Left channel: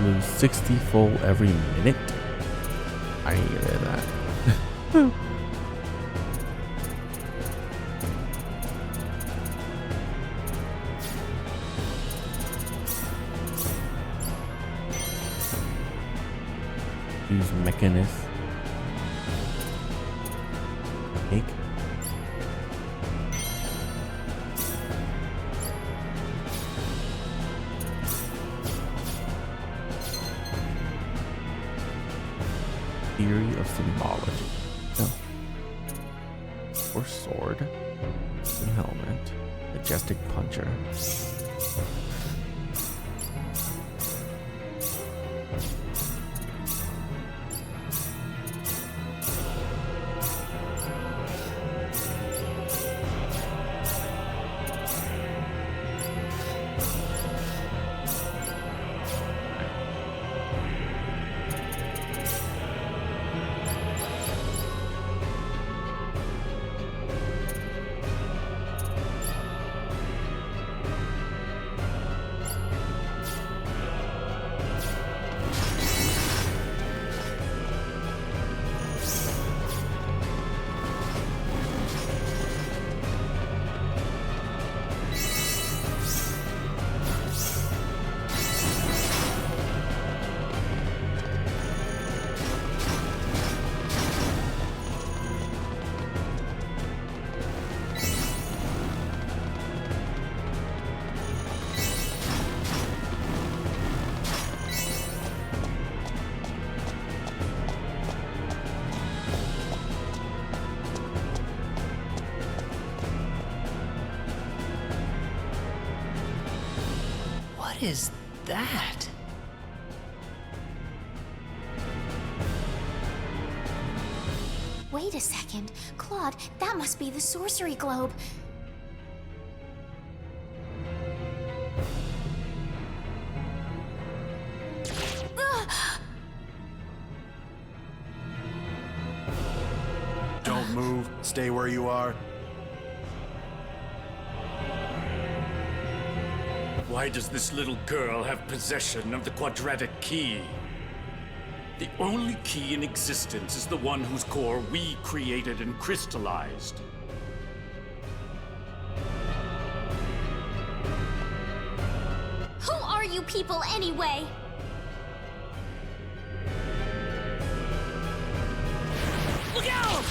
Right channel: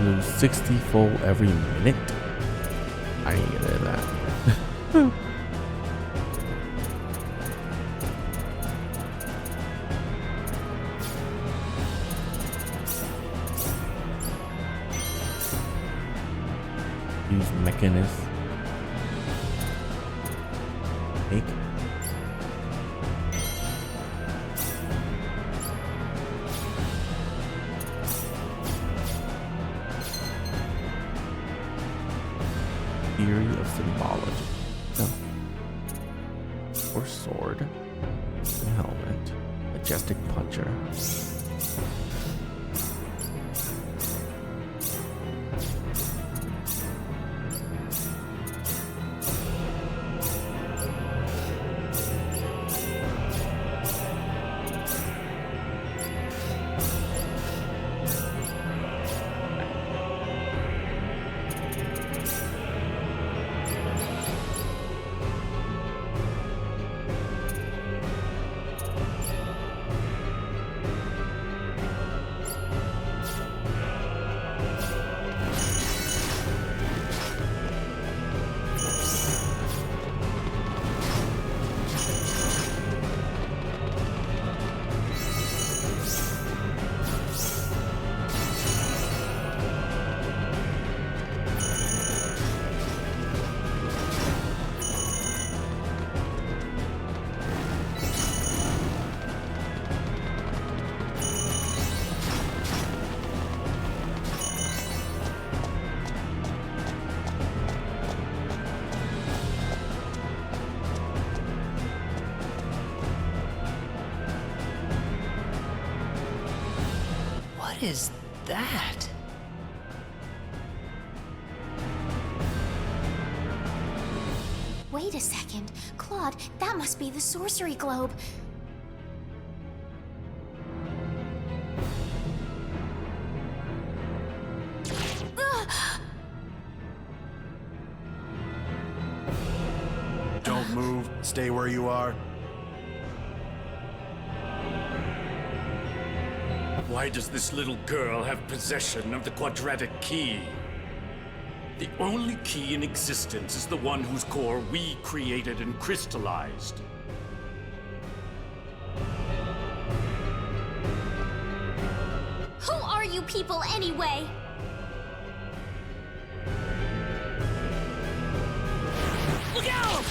Lose 60 full every minute. I need to get rid of that. Use mechanist. Take. Theory of symbology. No. Or sword. Helmet. Majestic puncher. What is that? Wait a second. Claude, that must be the sorcery globe. Don't move. Stay where you are. Why does this little girl have possession of the quadratic key? The only key in existence is the one whose core we created and crystallized. Who are you people anyway? Look out!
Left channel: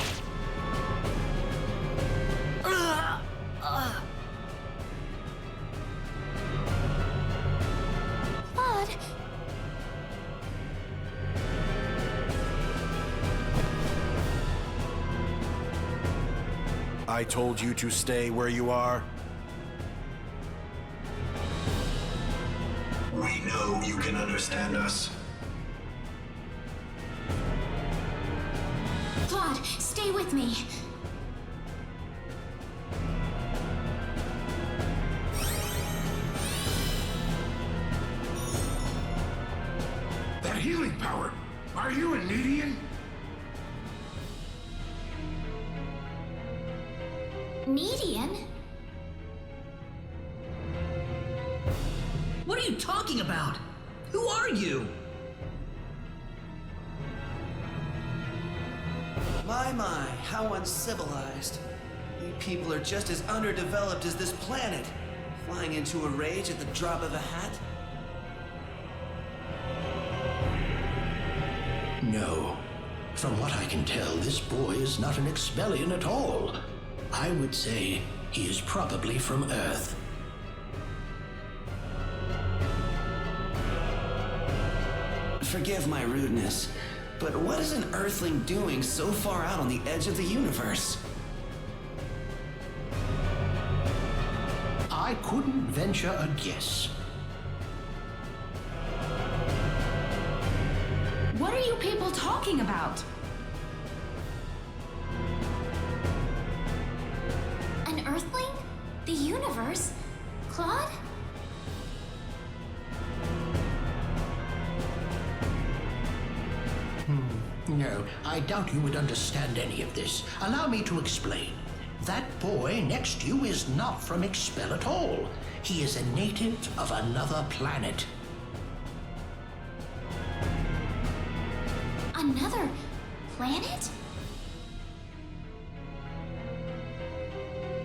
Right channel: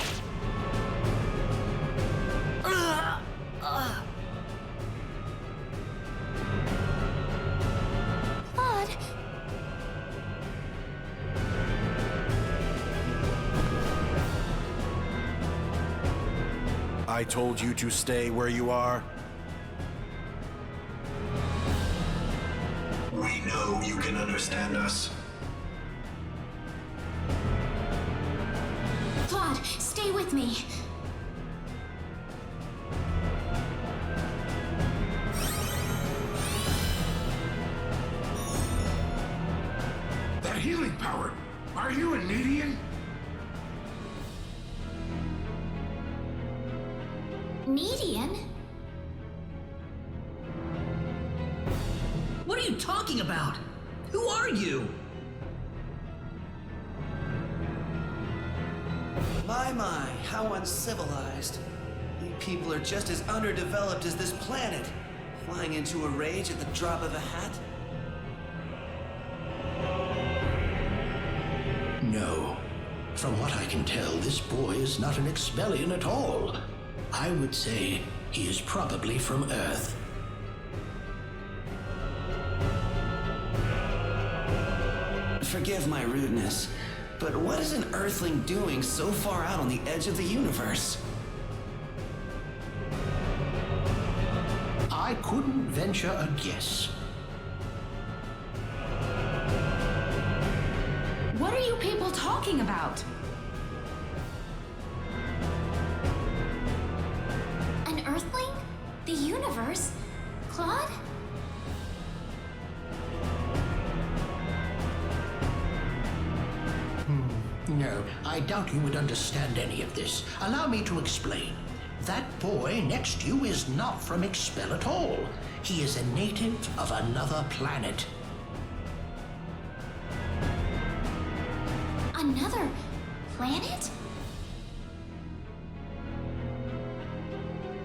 Claude. I told you to stay where you are. We know you can understand us. Claude, stay with me. That healing power! Are you a Nidian? Median? What are you talking about? Who are you? My, how uncivilized. You people are just as underdeveloped as this planet. Flying into a rage at the drop of a hat? No. From what I can tell, this boy is not an Expellion at all. I would say he is probably from Earth. Forgive my rudeness, but what is an Earthling doing so far out on the edge of the universe? I couldn't venture a guess. What are you people talking about? An Earthling? The universe? Claude? No, I doubt you would understand any of this. Allow me to explain. That boy next to you is not from Expel at all. He is a native of another planet. planet?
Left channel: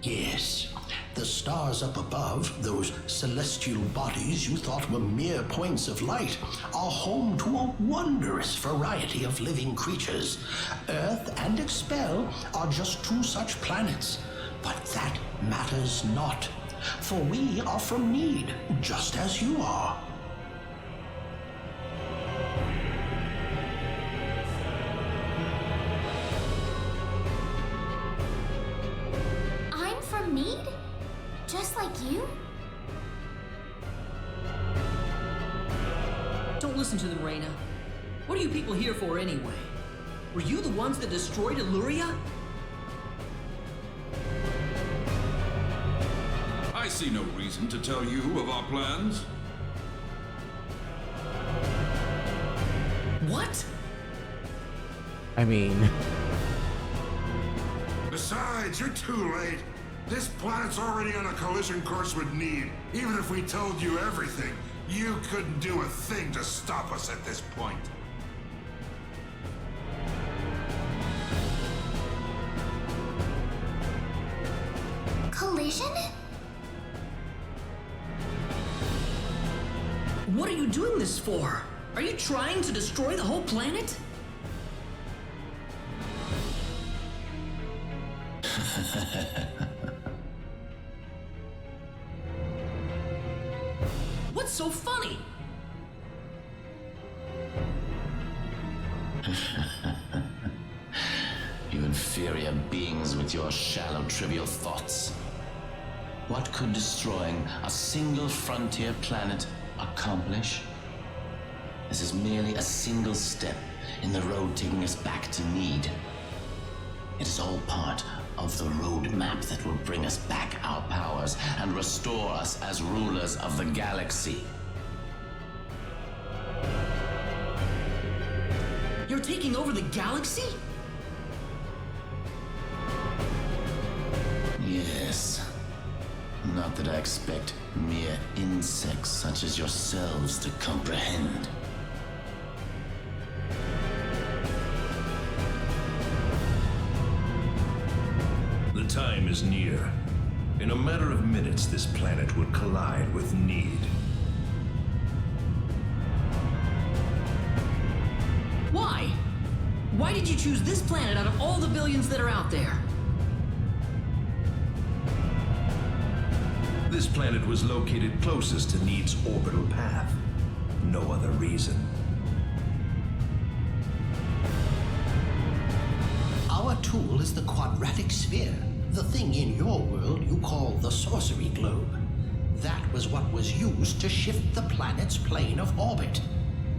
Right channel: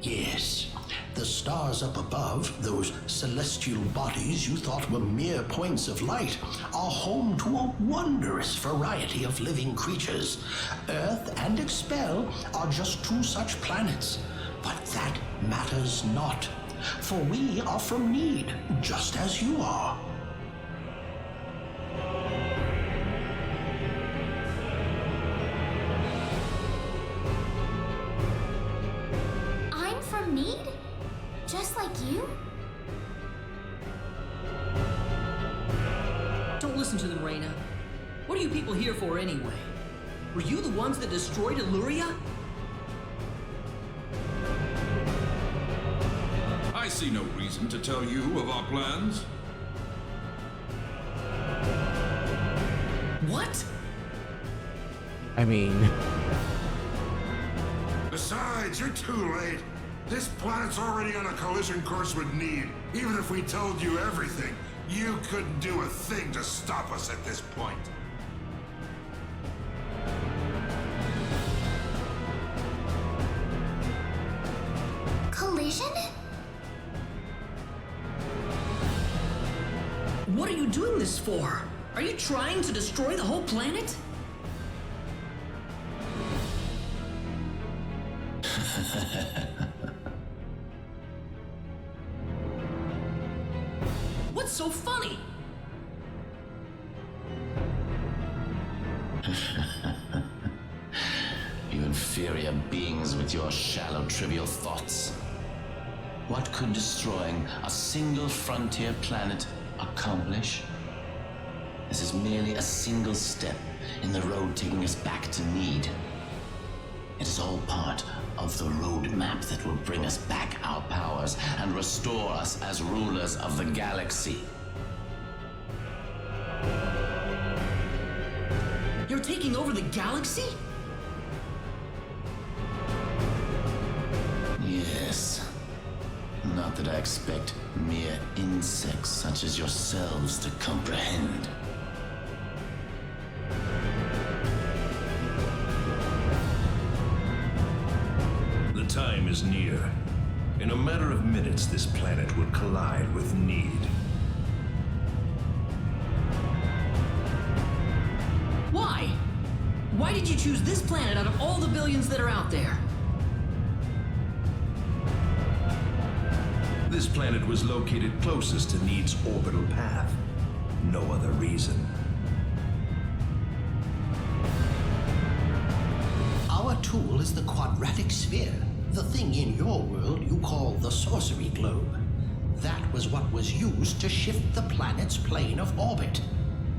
Yes. The stars up above, those celestial bodies you thought were mere points of light, are home to a wondrous variety of living creatures. Earth and Expel are just two such planets. But that matters not, for we are from Need, just as you are. I'm from Need? Just like you? Don't listen to them, Reyna. What are you people here for anyway? Were you the ones that destroyed Illuria? I see no reason to tell you of our plans. What? I mean, Besides, you're too late. This planet's already on a collision course with Need. Even if we told you everything, you couldn't do a thing to stop us at this point. Collision? What are you doing this for? Are you trying to destroy the whole planet? What's so funny? You inferior beings with your shallow, trivial thoughts. What could destroying a single frontier planet accomplish? This is merely a single step in the road taking us back to Need. It is all part of the roadmap that will bring us back our powers and restore us as rulers of the galaxy. You're taking over the galaxy? Yes. Not that I expect mere insects such as yourselves to comprehend. The time is near. In a matter of minutes, this planet would collide with Need. Why? Why did you choose this planet out of all the billions that are out there? This planet was located closest to Need's orbital path. No other reason. Our tool is the quadratic sphere, the thing in your world you call the sorcery globe. That was what was used to shift the planet's plane of orbit.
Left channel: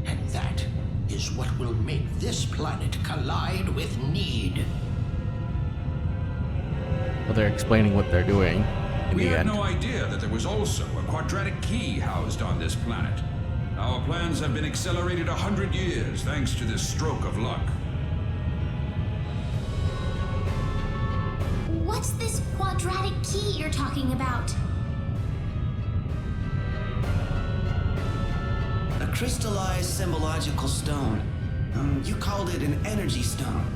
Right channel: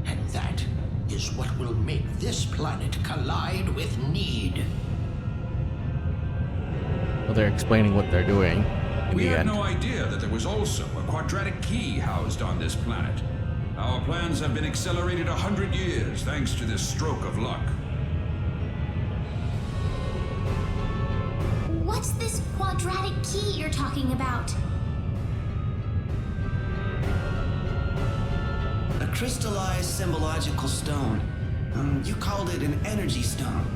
And that is what will make this planet collide with Need. well, they're explaining what they're doing in We the had end. no idea that there was also a quadratic key housed on this planet. Our plans have been accelerated 100 years thanks to this stroke of luck. What's this quadratic key you're talking about? A crystallized symbological stone. You called it an energy stone.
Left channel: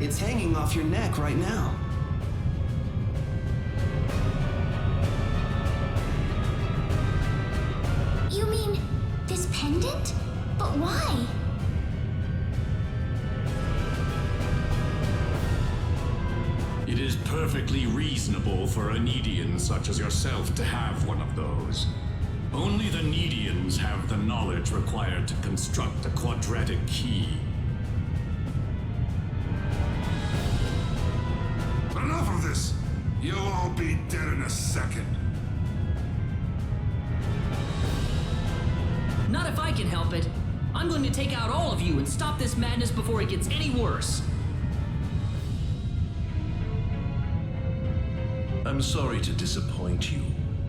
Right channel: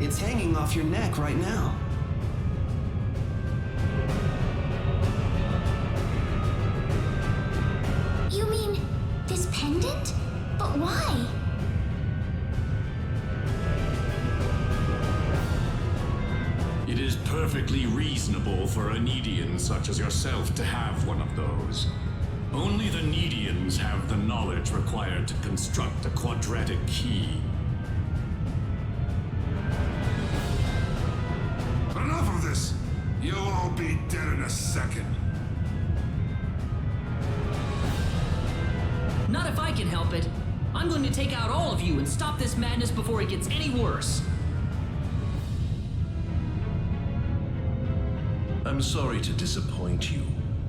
It's hanging off your neck right now. You mean this pendant? But why? It is perfectly reasonable for a Needian such as yourself to have one of those. Only the Needians have the knowledge required to construct a quadratic key. Enough of this! You'll all be dead in a second. Not if I can help it. I'm going to take out all of you and stop this madness before it gets any worse. I'm sorry to disappoint you,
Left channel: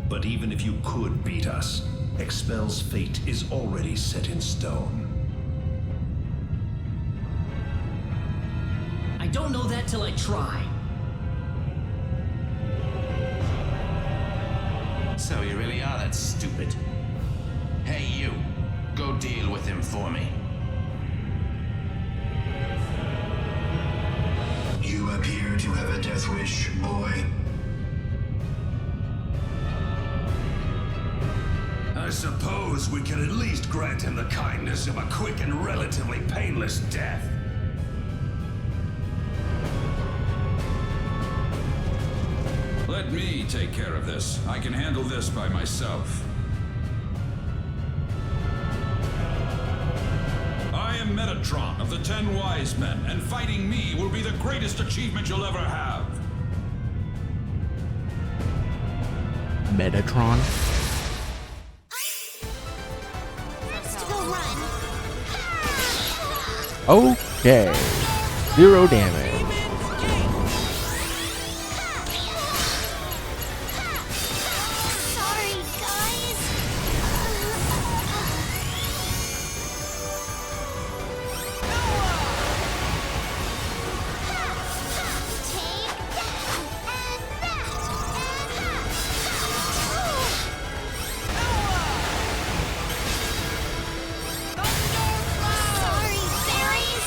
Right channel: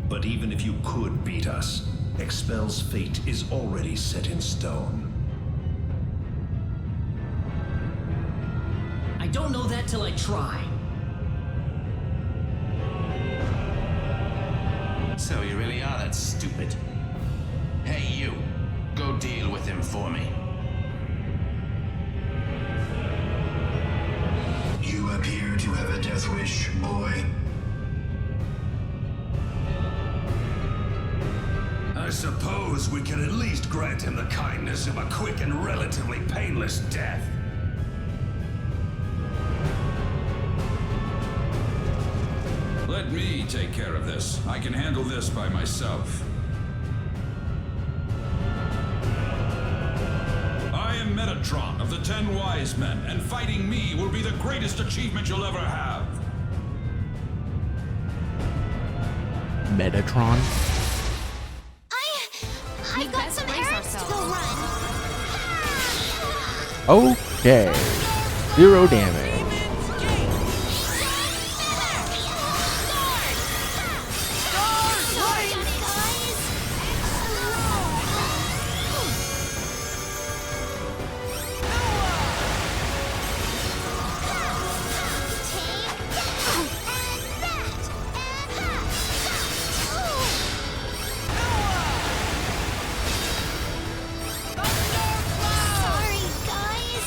but even if you could beat us, Expel's fate is already set in stone. I don't know that till I try. So you really are that stupid. Hey, you. Go deal with him for me. You appear to have a death wish, boy. I suppose we can at least grant him the kindness of a quick and relatively painless death. Let me take care of this. I can handle this by myself. I am Metatron of the 10 Wise Men, and fighting me will be the greatest achievement you'll ever have. Metatron? I've got some errands to go run. Okay. 0 damage. Sorry, guys. Take that, and that, and that. Sorry, guys.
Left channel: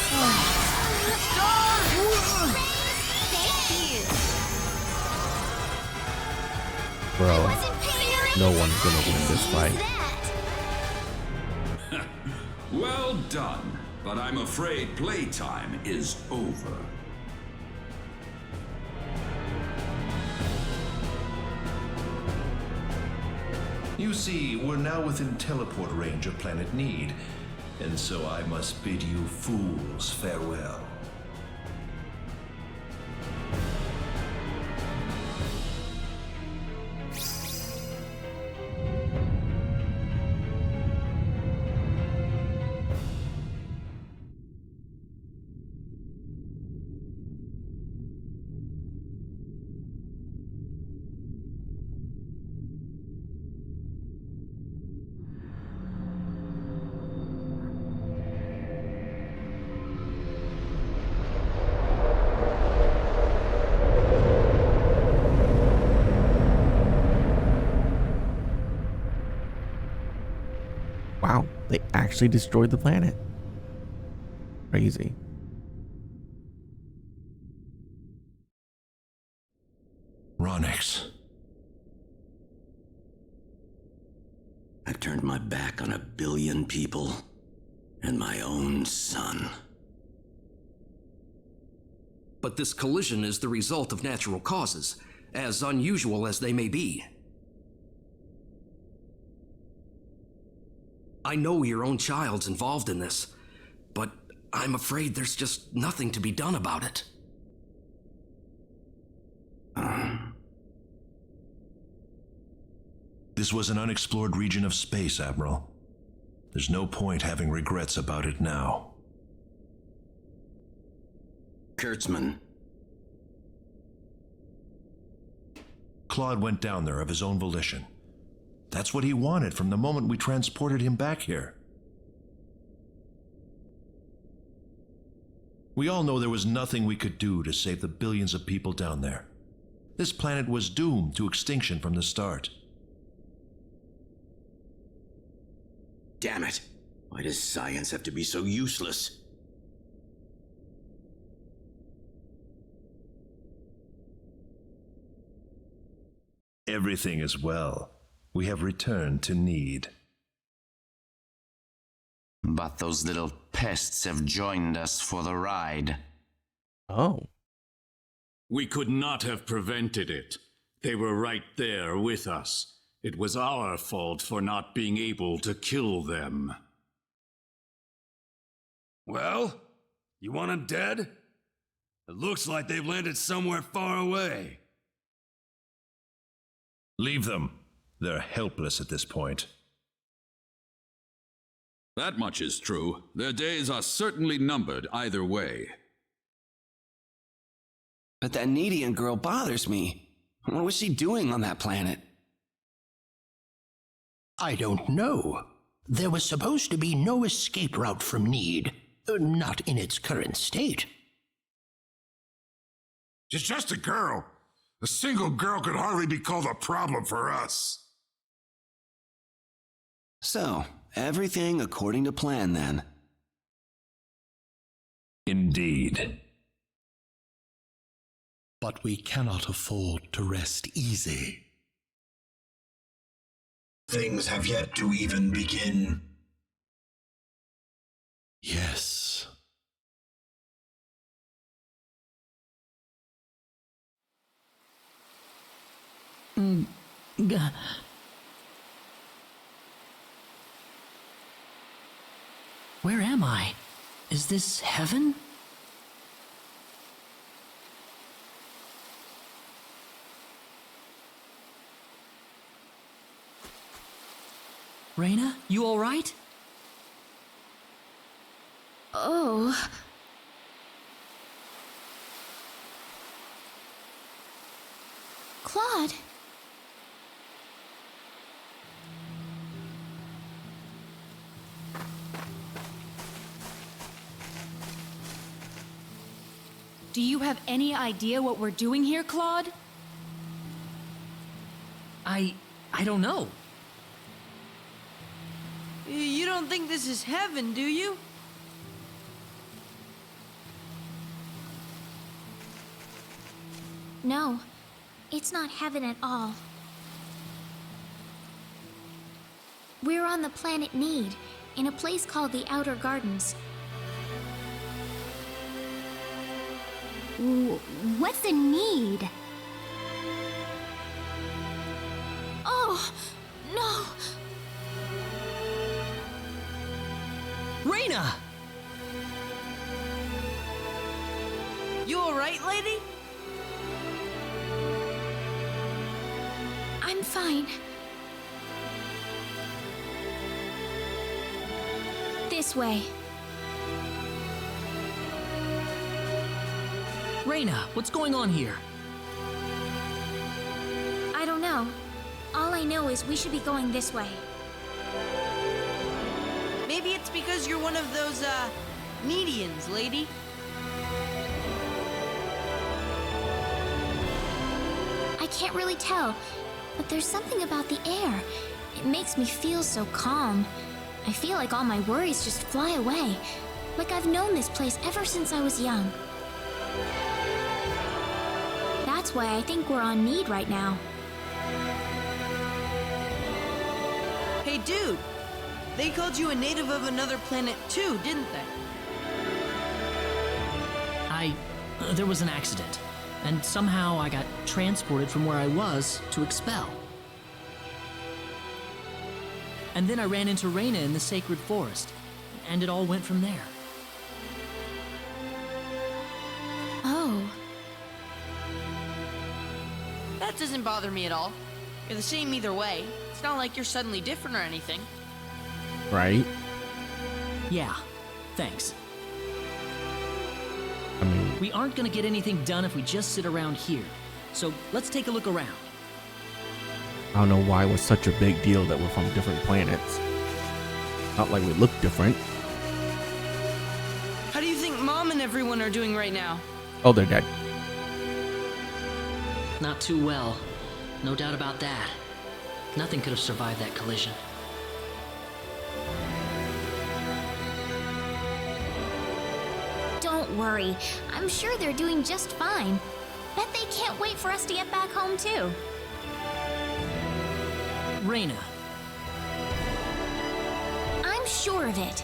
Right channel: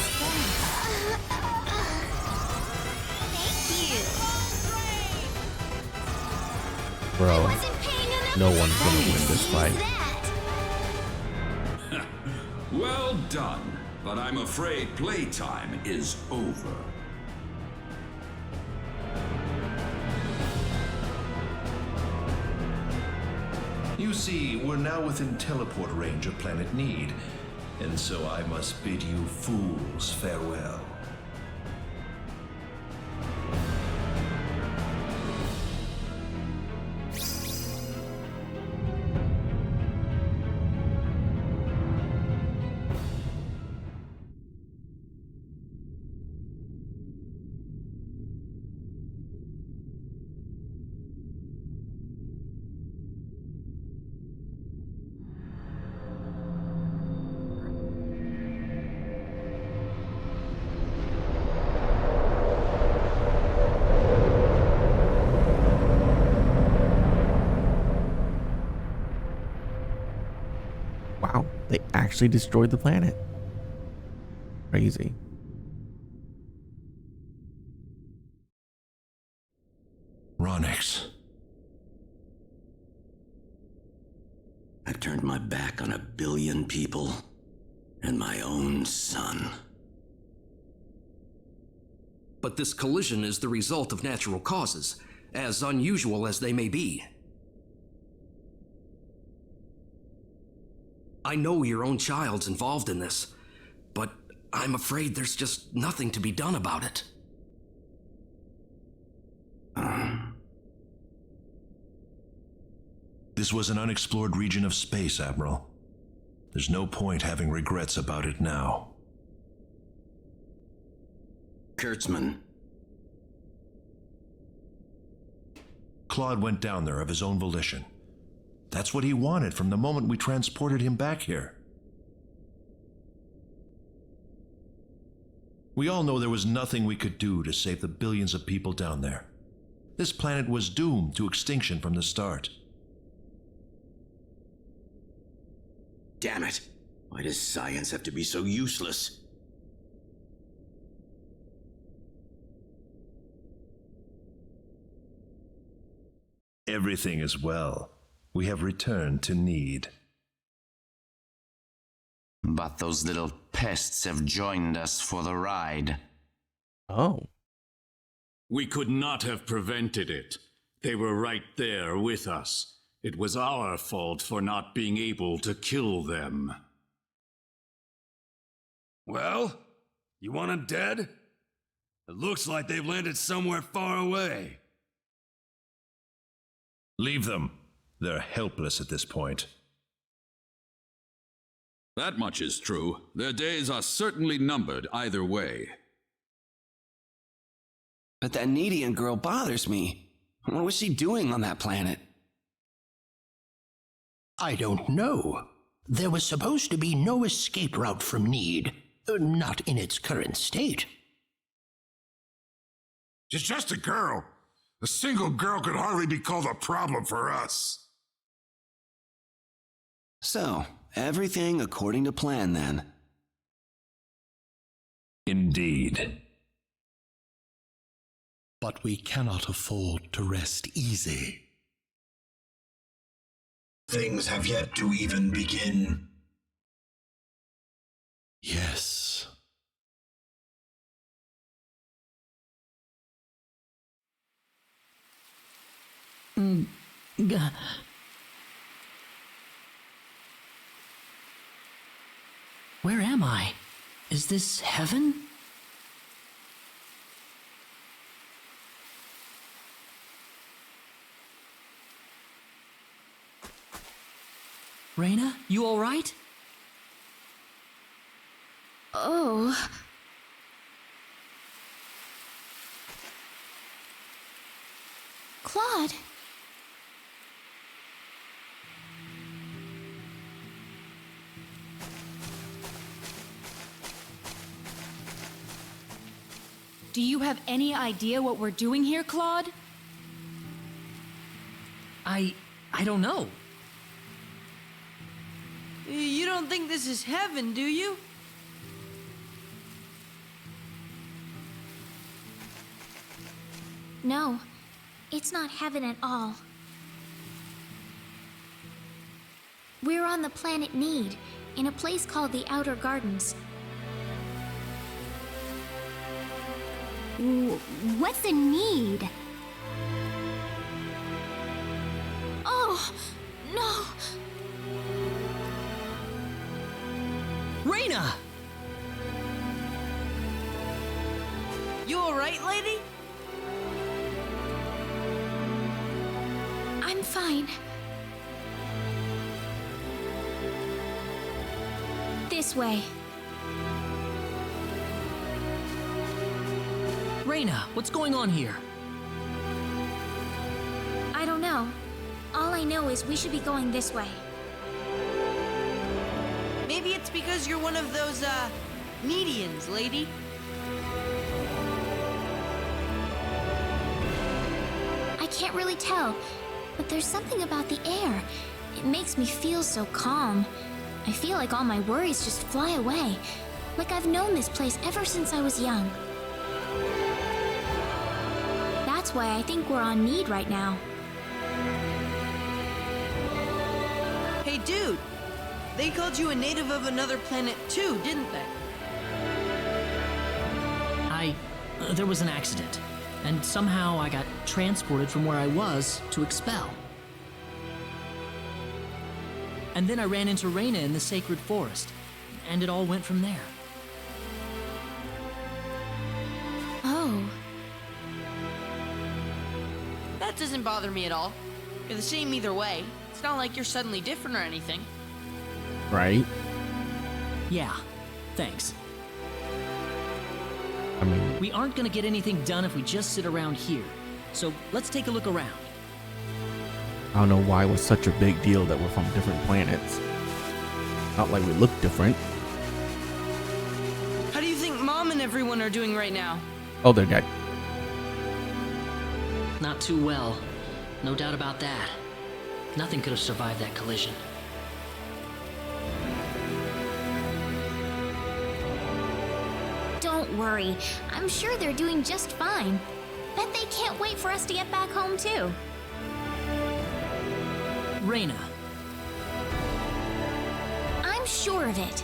Thank you. Bro, Wasn't paying enough no one's gonna win this fight. that. Well done, but I'm afraid playtime is over. You see, we're now within teleport range of Planet Need, and so I must bid you fools farewell. Wow, they actually destroyed the planet. Crazy. Ronix. I've turned my back on 1 billion people and my own son. But this collision is the result of natural causes, as unusual as they may be. I know your own child's involved in this, but I'm afraid there's just nothing to be done about it. This was an unexplored region of space, Admiral. There's no point having regrets about it now. Kurtzman. Claude went down there of his own volition. That's what he wanted from the moment we transported him back here. We all know there was nothing we could do to save the billions of people down there. This planet was doomed to extinction from the start. Damn it. Why does science have to be so useless? Everything is well. We have returned to Need. But those little pests have joined us for the ride. Oh. We could not have prevented it. They were right there with us. It was our fault for not being able to kill them. Well, you want them dead? It looks like they've landed somewhere far away. Leave them. They're helpless at this point. That much is true. Their days are certainly numbered either way. But that Needian girl bothers me. What was she doing on that planet? I don't know. There was supposed to be no escape route from Need. Not in its current state. She's just a girl. A single girl could hardly be called a problem for us. So, everything according to plan then. Indeed. But we cannot afford to rest easy. Things have yet to even begin. Yes. Where am I? Is this heaven? Reina, you all right? Oh. Claude. Do you have any idea what we're doing here, Claude? I don't know. You don't think this is heaven, do you? No, it's not heaven at all. We're on the planet Need, in a place called the Outer Gardens. What's the need? Oh, no! Reina! You alright, lady? I'm fine. This way. Reina, what's going on here? I don't know. All I know is we should be going this way. Maybe it's because you're one of those, Needians, lady. I can't really tell, but there's something about the air. It makes me feel so calm. I feel like all my worries just fly away, like I've known this place ever since I was young. That's why I think we're on Need right now. Hey, dude! They called you a native of another planet too, didn't they? There was an accident, and somehow I got transported from where I was to Expel. And then I ran into Reina in the sacred forest, and it all went from there. Oh. That doesn't bother me at all. You're the same either way. It's not like you're suddenly different or anything. Right? Yeah, thanks. I mean... We aren't gonna get anything done if we just sit around here. So let's take a look around. I don't know why it was such a big deal that we're from different planets. Not like we look different. How do you think Mom and everyone are doing right now? Oh, they're dead. Not too well. No doubt about that. Nothing could have survived that collision. Don't worry. I'm sure they're doing just fine. Bet they can't wait for us to get back home, too. Reina. I'm sure of it.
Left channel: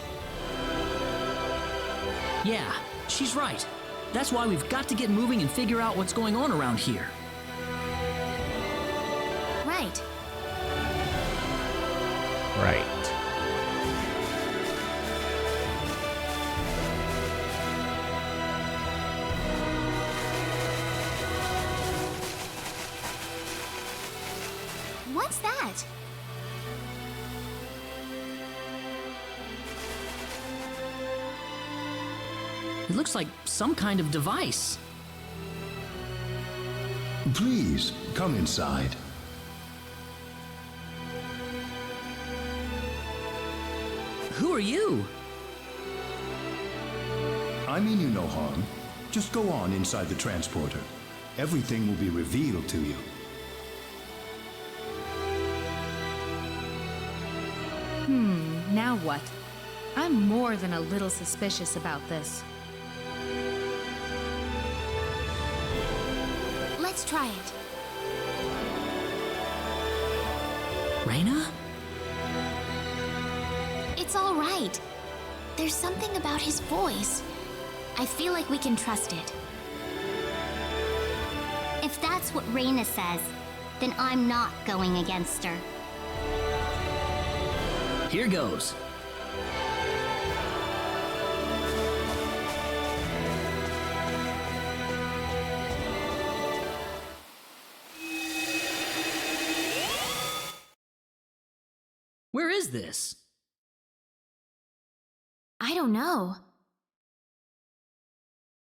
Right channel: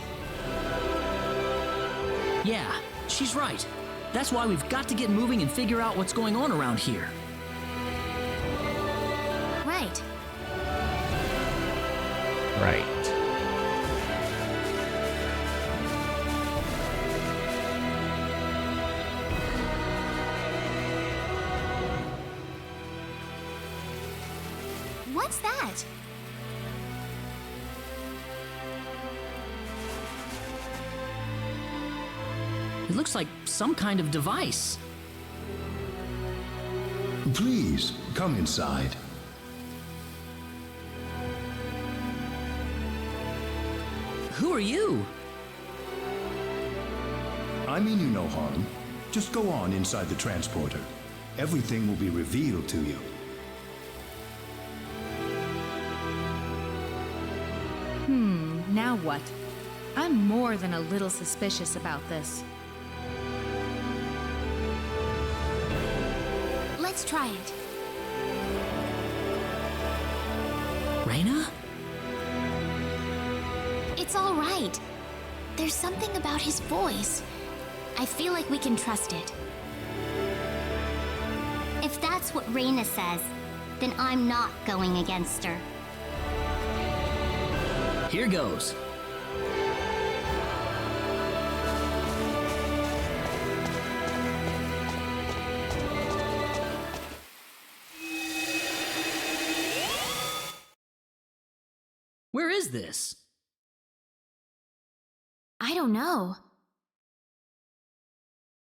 Yeah, she's right. That's why we've got to get moving and figure out what's going on around here. Right. Right. What's that? It looks like some kind of device. Please, come inside. Who are you? I mean you no harm. Just go on inside the transporter. Everything will be revealed to you. Now what? I'm more than a little suspicious about this. Let's try it. Reyna? It's all right. There's something about his voice. I feel like we can trust it. If that's what Reyna says, then I'm not going against her. Here goes. Where is this? I don't know.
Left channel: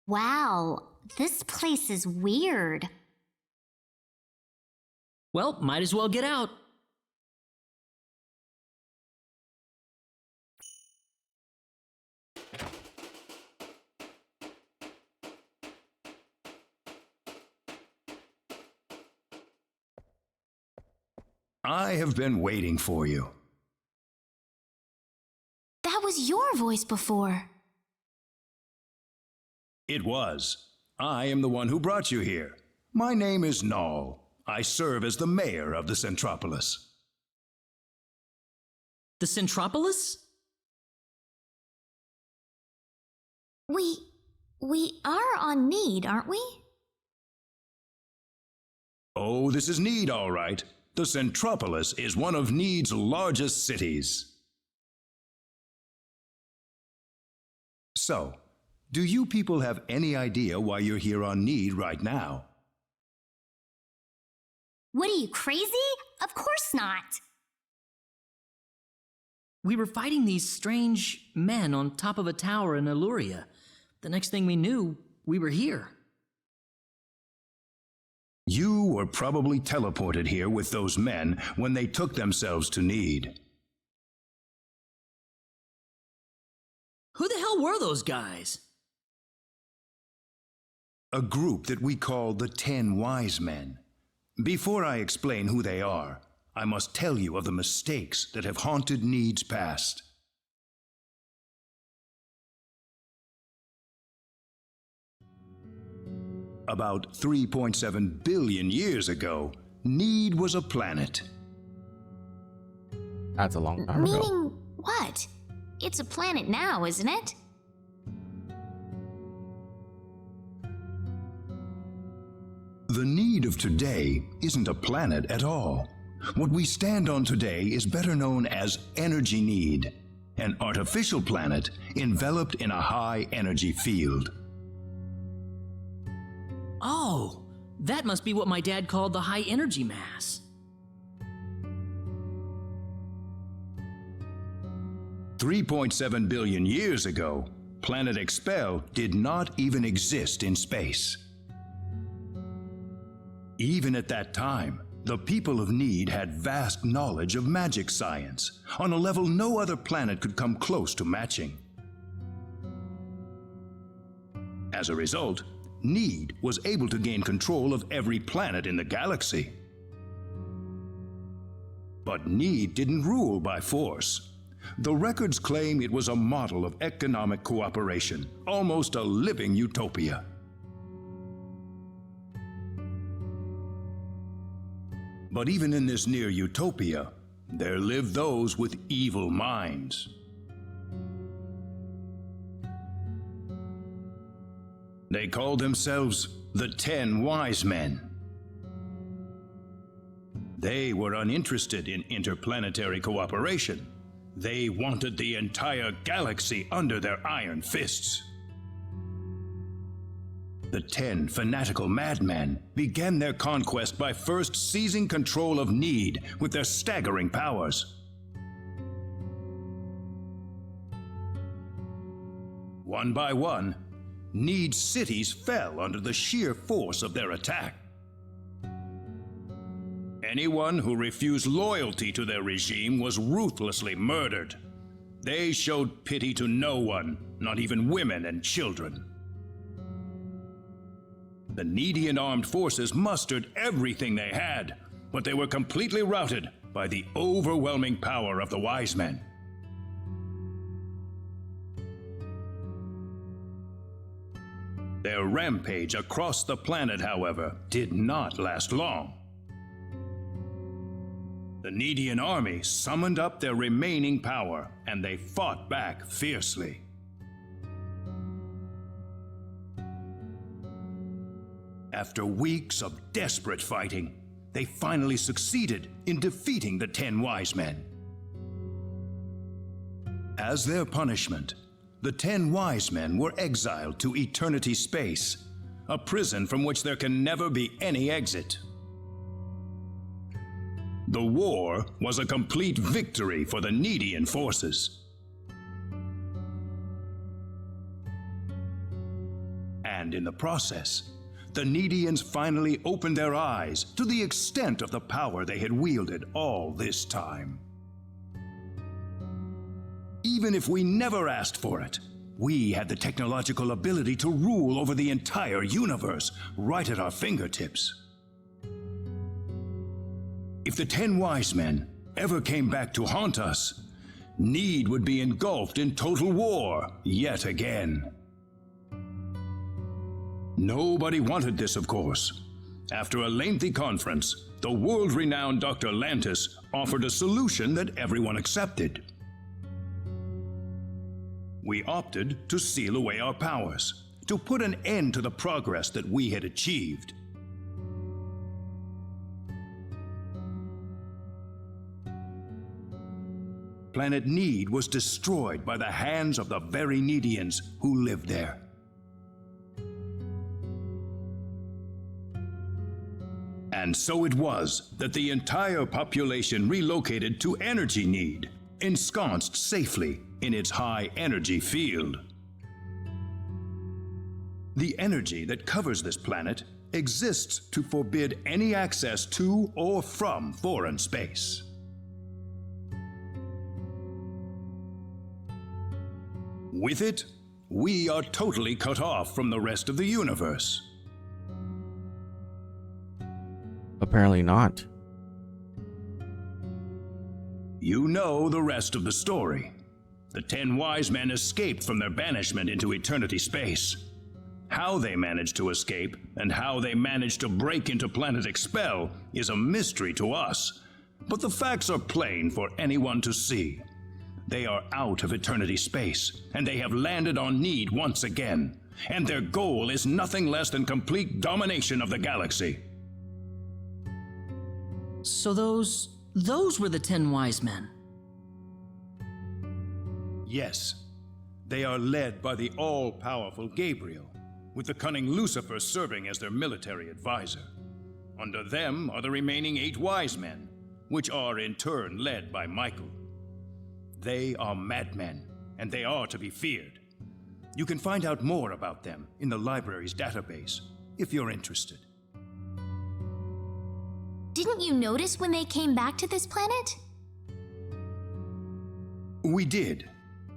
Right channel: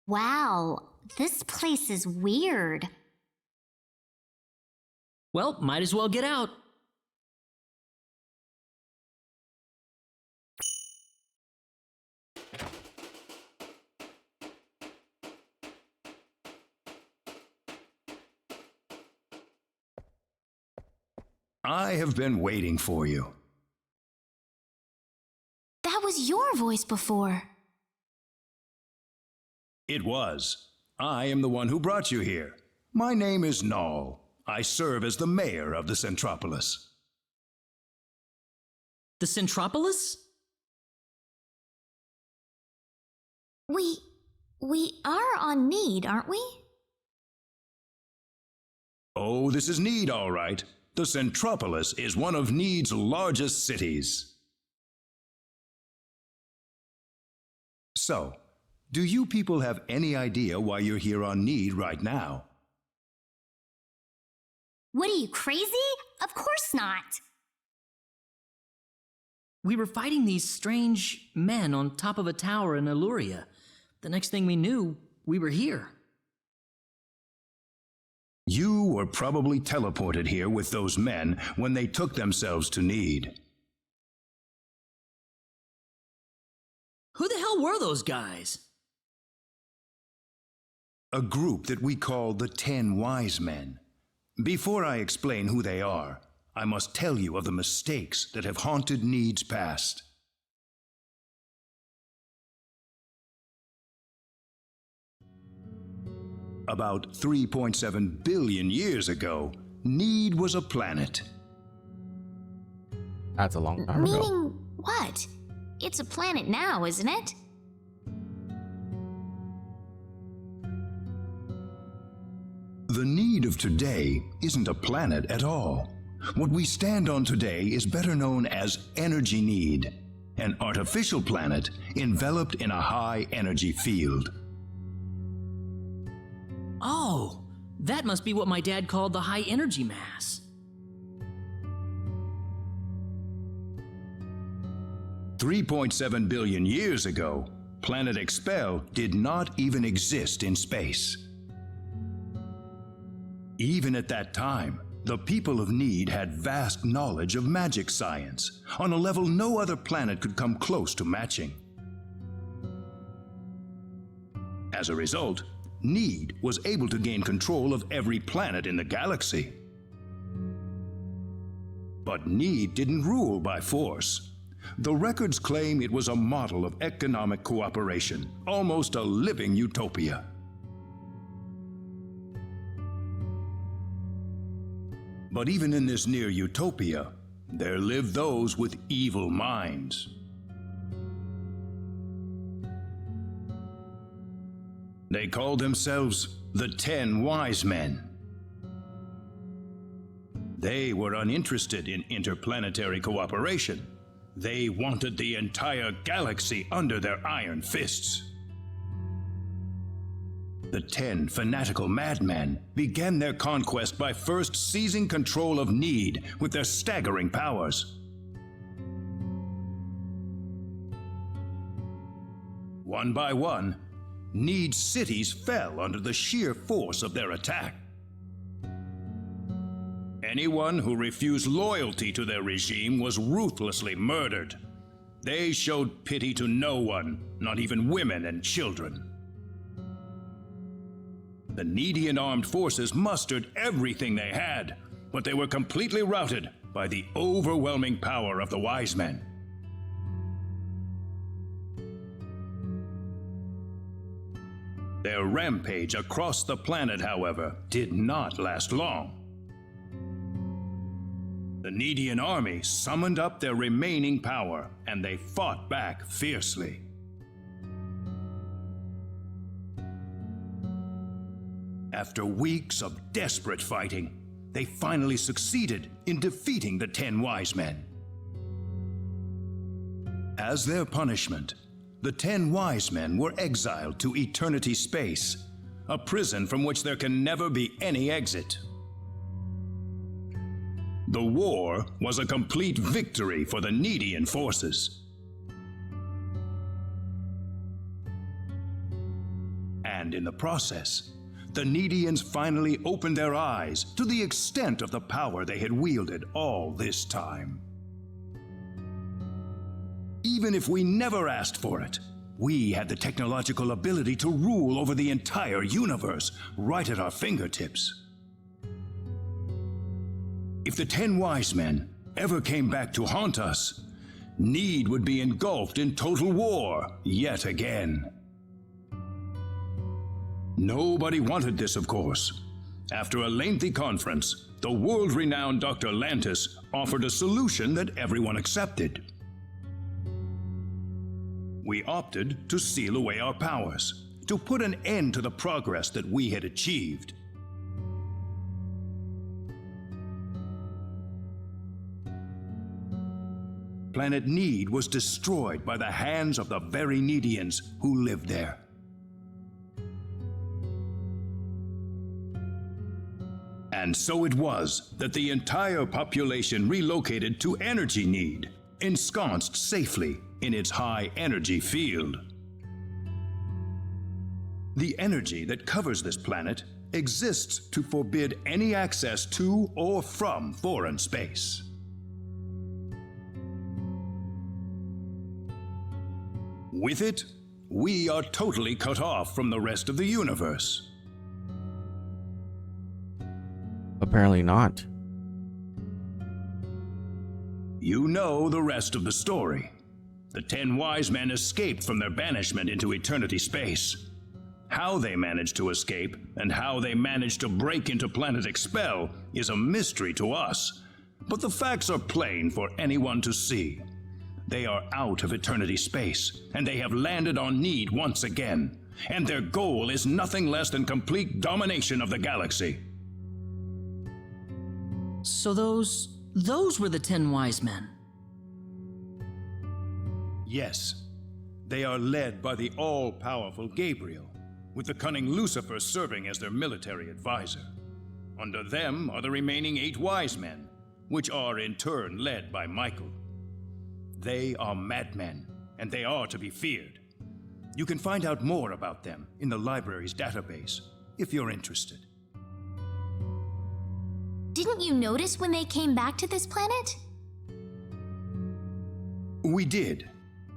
Wow, this place is weird. Well, might as well get out. I have been waiting for you. That was your voice before. It was. I am the one who brought you here. My name is Null. I serve as the mayor of the Centropolis. The Centropolis? We are on Need, aren't we? Oh, this is Need, all right. The Centropolis is one of Need's largest cities. So, do you people have any idea why you're here on Need right now? What are you, crazy? Of course not. We were fighting these strange men on top of a tower in Illuria. The next thing we knew, we were here. You were probably teleported here with those men when they took themselves to Need. Who the hell were those guys? A group that we call the 10 Wise Men. Before I explain who they are, I must tell you of the mistakes that have haunted Need's past. About 3.7 billion years ago, Need was a planet. That's a long time ago. Meaning what? It's a planet now, isn't it? The Need of today isn't a planet at all. What we stand on today is better known as Energy Need, an artificial planet enveloped in a high energy field. Oh, that must be what my dad called the high energy mass. $3.7 billion years ago, Planet Expel did not even exist in space. Even at that time, the people of Need had vast knowledge of magic science, on a level no other planet could come close to matching. As a result, Need was able to gain control of every planet in the galaxy. But Need didn't rule by force. The records claim it was a model of economic cooperation, almost a living utopia. But even in this near utopia, there lived those with evil minds. They called themselves the 10 Wise Men. They were uninterested in interplanetary cooperation. They wanted the entire galaxy under their iron fists. The 10 fanatical madmen began their conquest by first seizing control of Need with their staggering powers. One by one, Need's cities fell under the sheer force of their attack. Anyone who refused loyalty to their regime was ruthlessly murdered. They showed pity to no one, not even women and children. The Needian armed forces mustered everything they had, but they were completely routed by the overwhelming power of the Wise Men. Their rampage across the planet, however, did not last long. The Needian army summoned up their remaining power, and they fought back fiercely. After weeks of desperate fighting, they finally succeeded in defeating the 10 Wise Men. As their punishment, the 10 Wise Men were exiled to Eternity Space, a prison from which there can never be any exit. The war was a complete victory for the Needian forces. And in the process, the Needians finally opened their eyes to the extent of the power they had wielded all this time. Even if we never asked for it, we had the technological ability to rule over the entire universe right at our fingertips. If the 10 Wise Men ever came back to haunt us, Need would be engulfed in total war yet again. Nobody wanted this, of course. After a lengthy conference, the world-renowned Dr. Lantis offered a solution that everyone accepted. We opted to seal away our powers, to put an end to the progress that we had achieved. Planet Need was destroyed by the hands of the very Needians who lived there. And so it was that the entire population relocated to Energy Need, ensconced safely in its high energy field. The energy that covers this planet exists to forbid any access to or from foreign space. With it, we are totally cut off from the rest of the universe. Apparently not. You know the rest of the story. The 10 Wise Men escaped from their banishment into Eternity Space. How they managed to escape and how they managed to break into Planet Expel is a mystery to us, but the facts are plain for anyone to see. They are out of Eternity Space, and they have landed on Need once again, and their goal is nothing less than complete domination of the galaxy. So those were the 10 Wise Men. Yes, they are led by the all-powerful Gabriel, with the cunning Lucifer serving as their military advisor. Under them are the remaining 8 Wise Men, which are in turn led by Michael. They are madmen, and they are to be feared. You can find out more about them in the library's database, if you're interested. Didn't you notice when they came back to this planet? We did,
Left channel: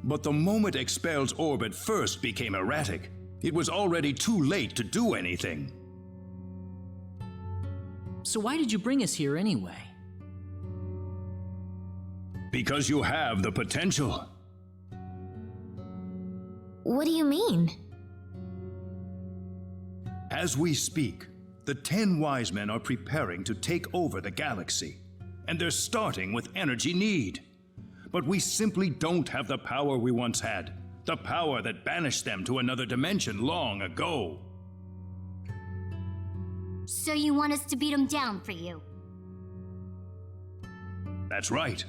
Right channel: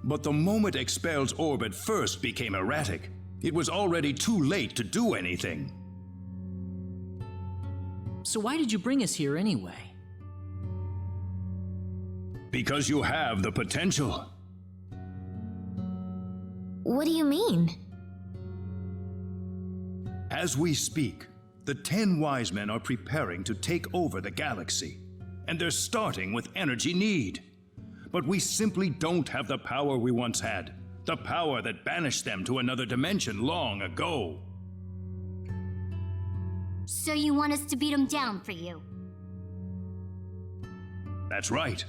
but the moment Expel's orbit first became erratic, it was already too late to do anything. So why did you bring us here anyway? Because you have the potential. What do you mean? As we speak, the 10 Wise Men are preparing to take over the galaxy, and they're starting with Energy Need. But we simply don't have the power we once had, the power that banished them to another dimension long ago. So you want us to beat them down for you? That's right.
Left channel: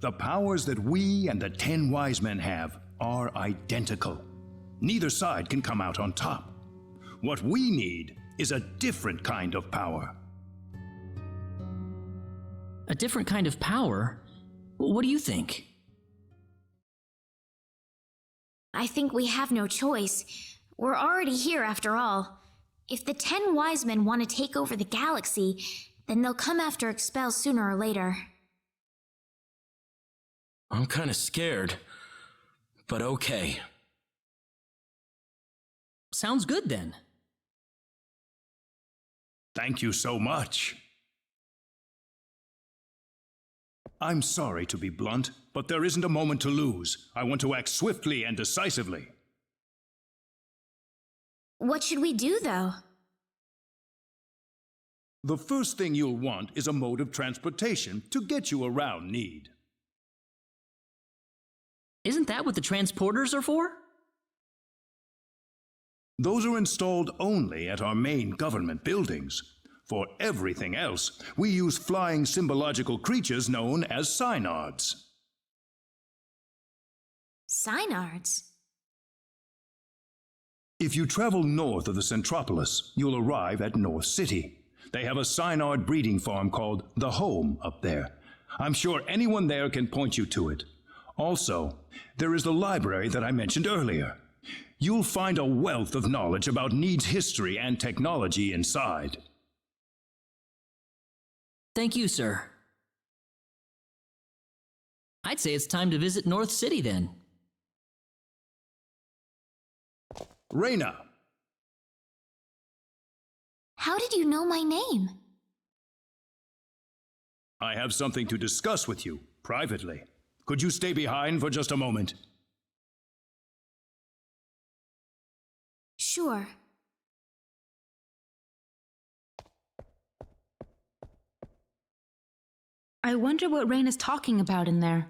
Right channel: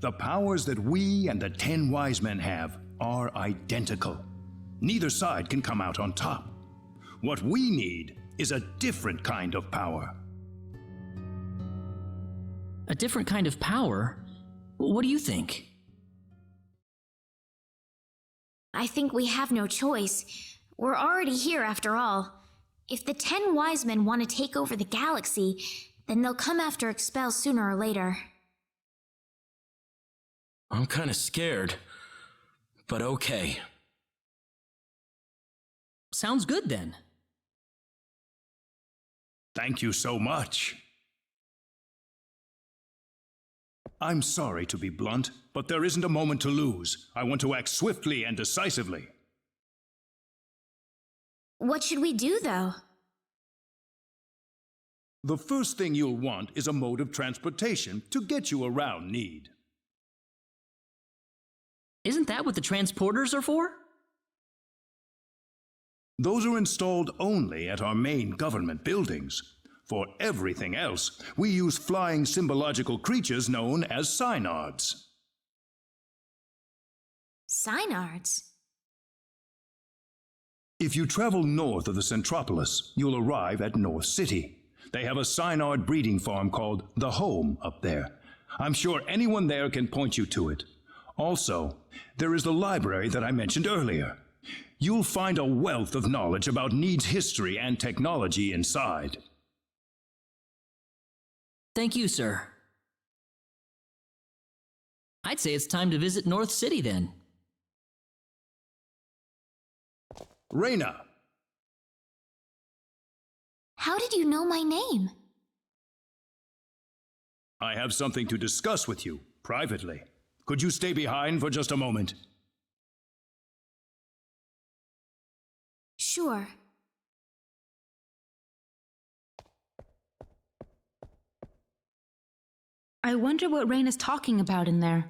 The powers that we and the 10 Wise Men have are identical. Neither side can come out on top. What we need is a different kind of power. A different kind of power? What do you think? I think we have no choice. We're already here after all. If the 10 Wise Men want to take over the galaxy, then they'll come after Expel sooner or later. I'm kinda scared, but okay. Sounds good then. Thank you so much. I'm sorry to be blunt, but there isn't a moment to lose. I want to act swiftly and decisively. What should we do, though? The first thing you'll want is a mode of transportation to get you around Need. Isn't that what the transporters are for? Those are installed only at our main government buildings. For everything else, we use flying symbological creatures known as synards. Synards? If you travel north of the Centropolis, you'll arrive at North City. They have a synard breeding farm called The Home up there. I'm sure anyone there can point you to it. Also, there is the library that I mentioned earlier. You'll find a wealth of knowledge about Need's history and technology inside. Thank you, sir. I'd say it's time to visit North City then. Reyna! How did you know my name? I have something to discuss with you, privately. Could you stay behind for just a moment? Sure. I wonder what Reyna's talking about in there.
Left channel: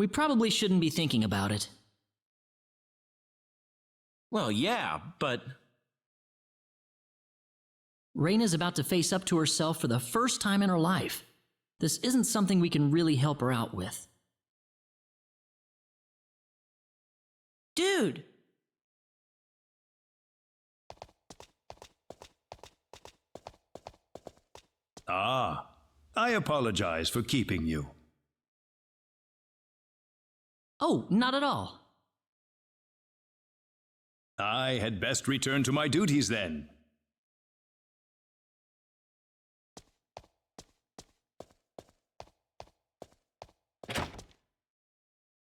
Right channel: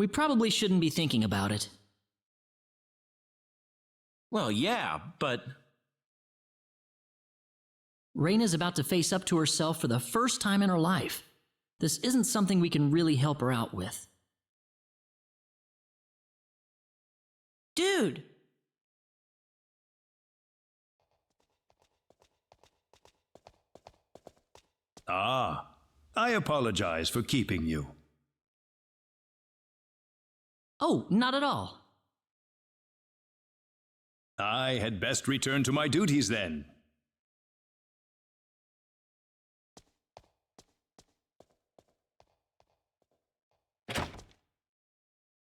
We probably shouldn't be thinking about it. Well, yeah, but... Reyna's about to face up to herself for the first time in her life. This isn't something we can really help her out with. Dude! Ah, I apologize for keeping you. Oh, not at all. I had best return to my duties then.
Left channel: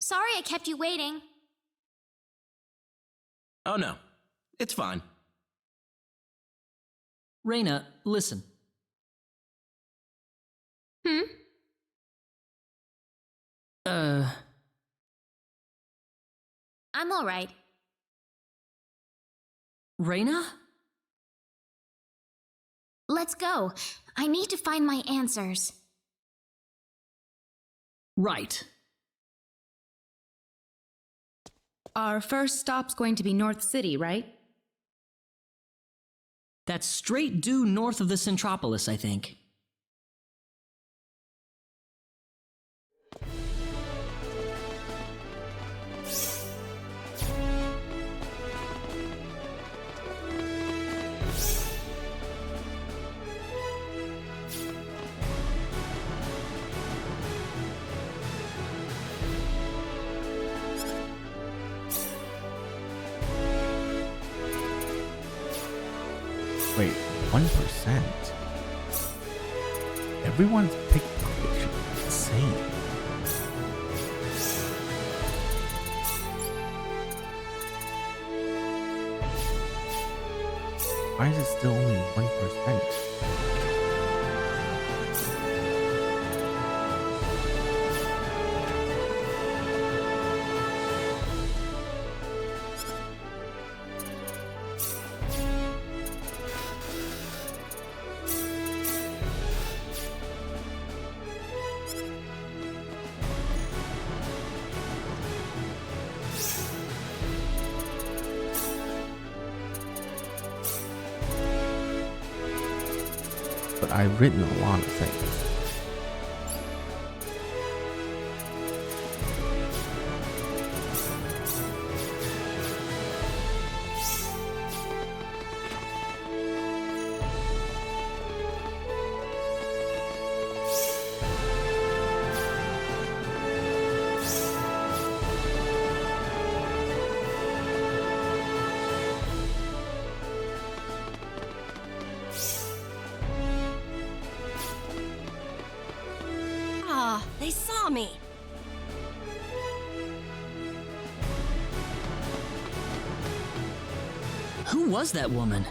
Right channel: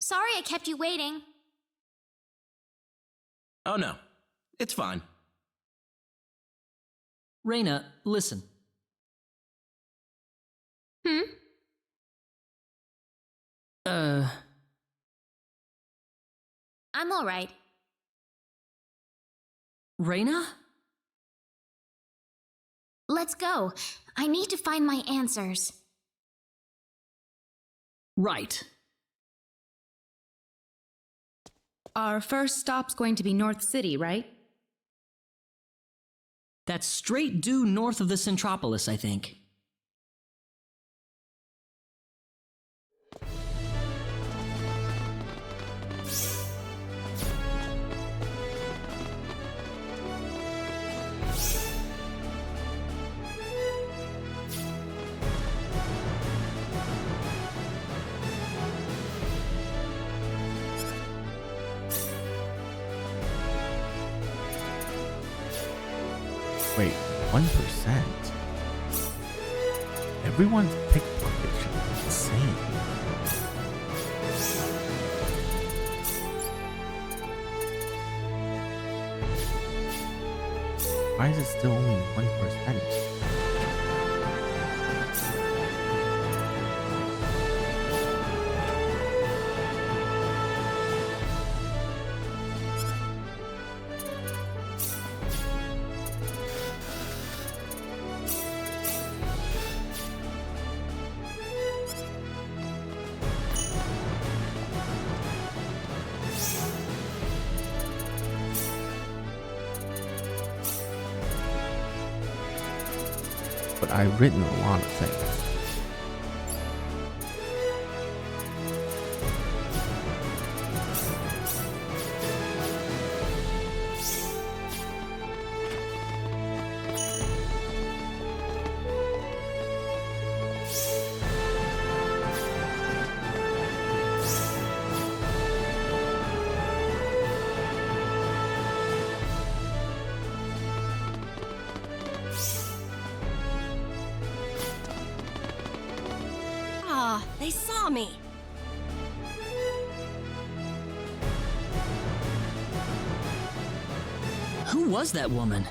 Sorry I kept you waiting. Oh no, it's fine. Reyna, listen. I'm all right. Reyna? Let's go. I need to find my answers. Right. Our first stop's going to be North City, right? That's straight due north of the Centropolis, I think. Wait, 1%? Everyone's pickpocket should be insane. Why is it still only 1%? But I've written a lot of things. They saw me. Who was that woman?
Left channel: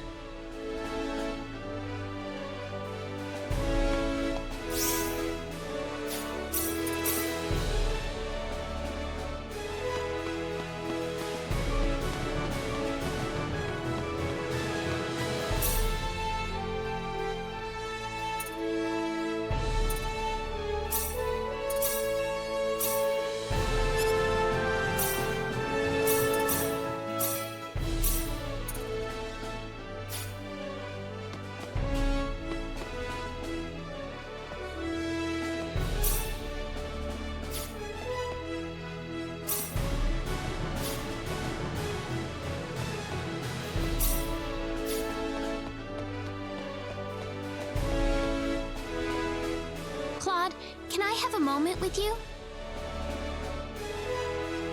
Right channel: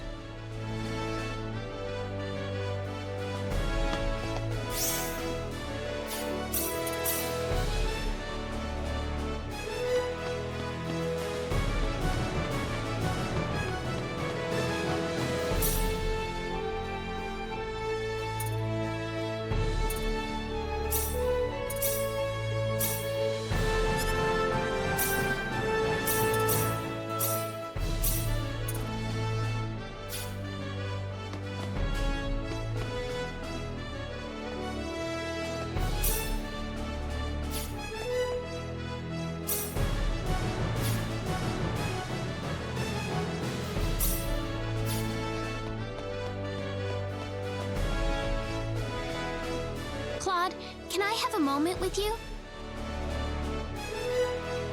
Claude, can I have a moment with you?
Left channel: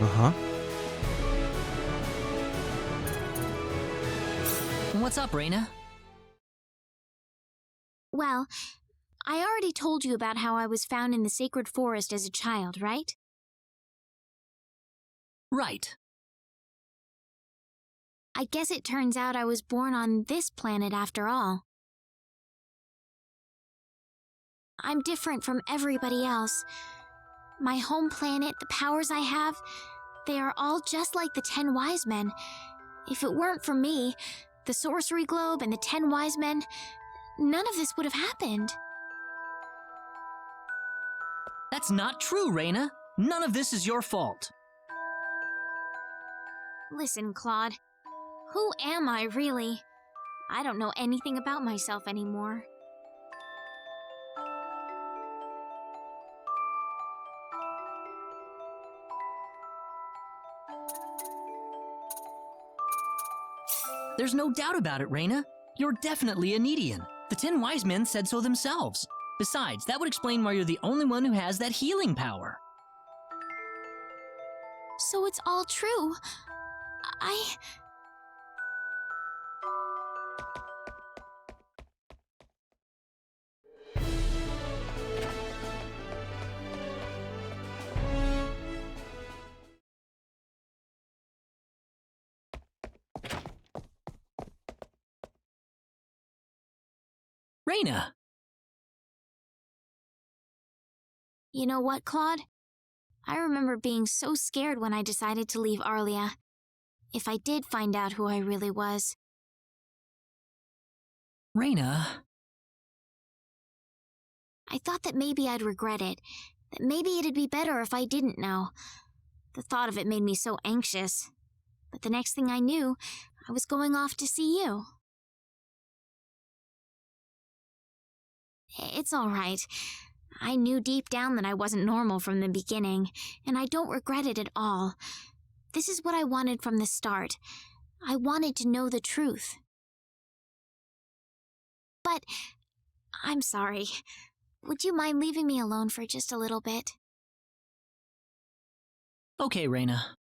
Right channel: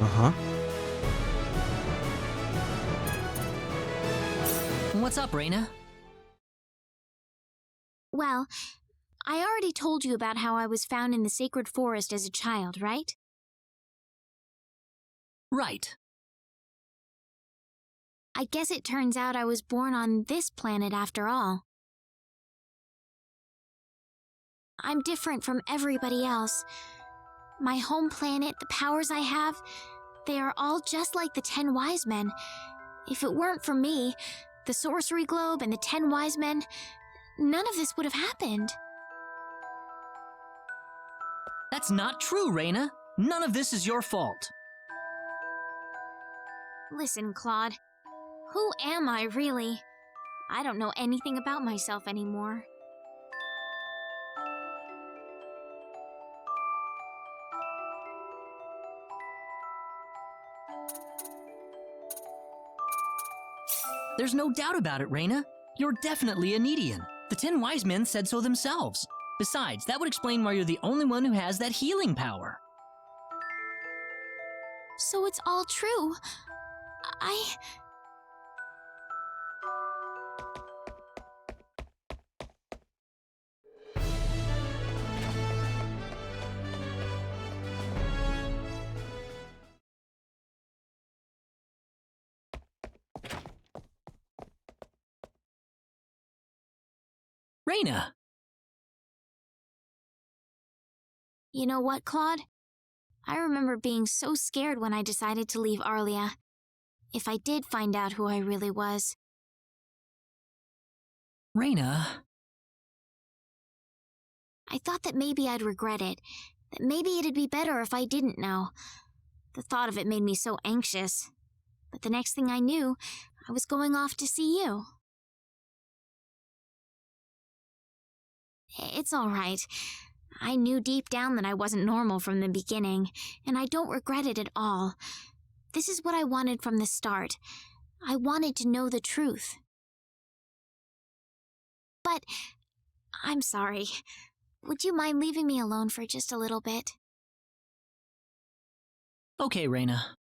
Uh-huh. What's up, Reina? Well, I already told you about how I was found in the sacred forest as a child, right? Right. I guess it turns out I was born on this planet after all. I'm different from everybody else. My home planet, the powers I have, they are all just like the 10 wise men. If it weren't for me, the sorcery globe and the 10 wise men, none of this would have happened. That's not true, Reina. None of this is your fault. Listen, Claude. Who am I, really? I don't know anything about myself anymore. There's no doubt about it, Reina. You're definitely a Nedian. The 10 wise men said so themselves. Besides, that would explain why you're the only one who has that healing power. So it's all true. Reina! You know what, Claude? I remember being so scared when I decided to leave Arlia. If I did find out who I really was. Reina... I thought that maybe I'd regret it. That maybe it'd be better if I didn't know. The thought of it made me so anxious. But the next thing I knew, I was going off to see you. It's all right. I knew deep down that I wasn't normal from the beginning, and I don't regret it at all. This is what I wanted from the start. I wanted to know the truth. But I'm sorry. Would you mind leaving me alone for just a little bit? Okay, Reina.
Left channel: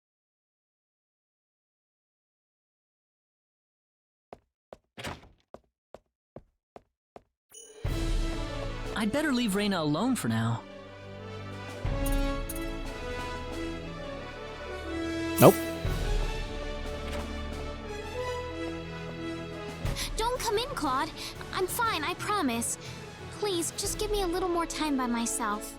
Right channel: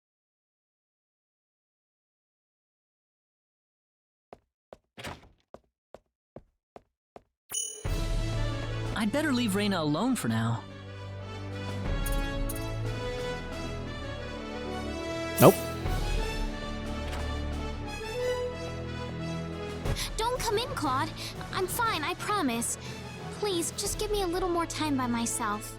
I'd better leave Reina alone for now. Nope. Don't come in, Claude. I'm fine, I promise. Please, just give me a little more time by myself.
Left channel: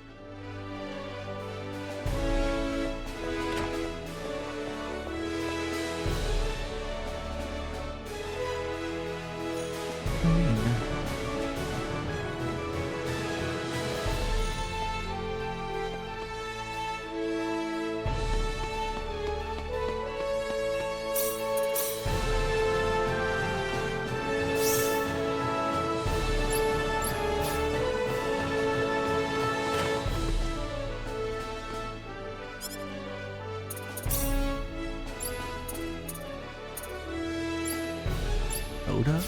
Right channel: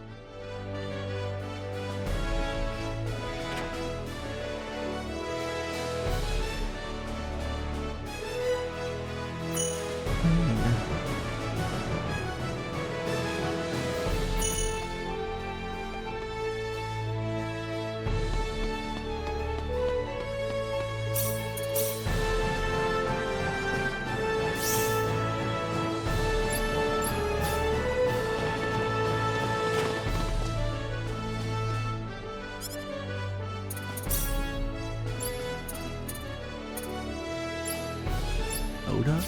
Oda?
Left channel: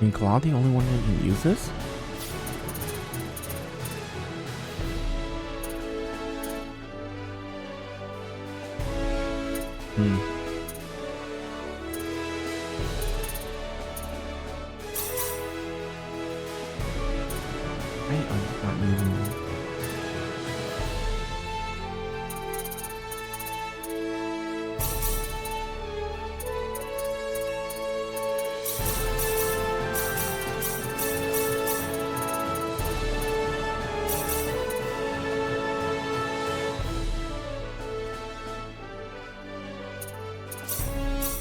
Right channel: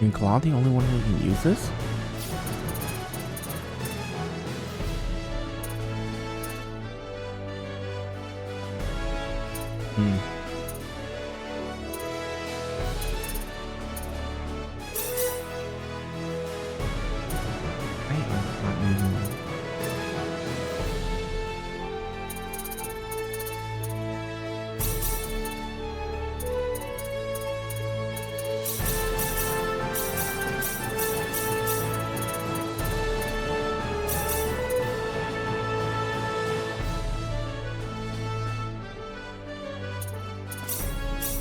And Claude the only one who can use this? Why are you not using them?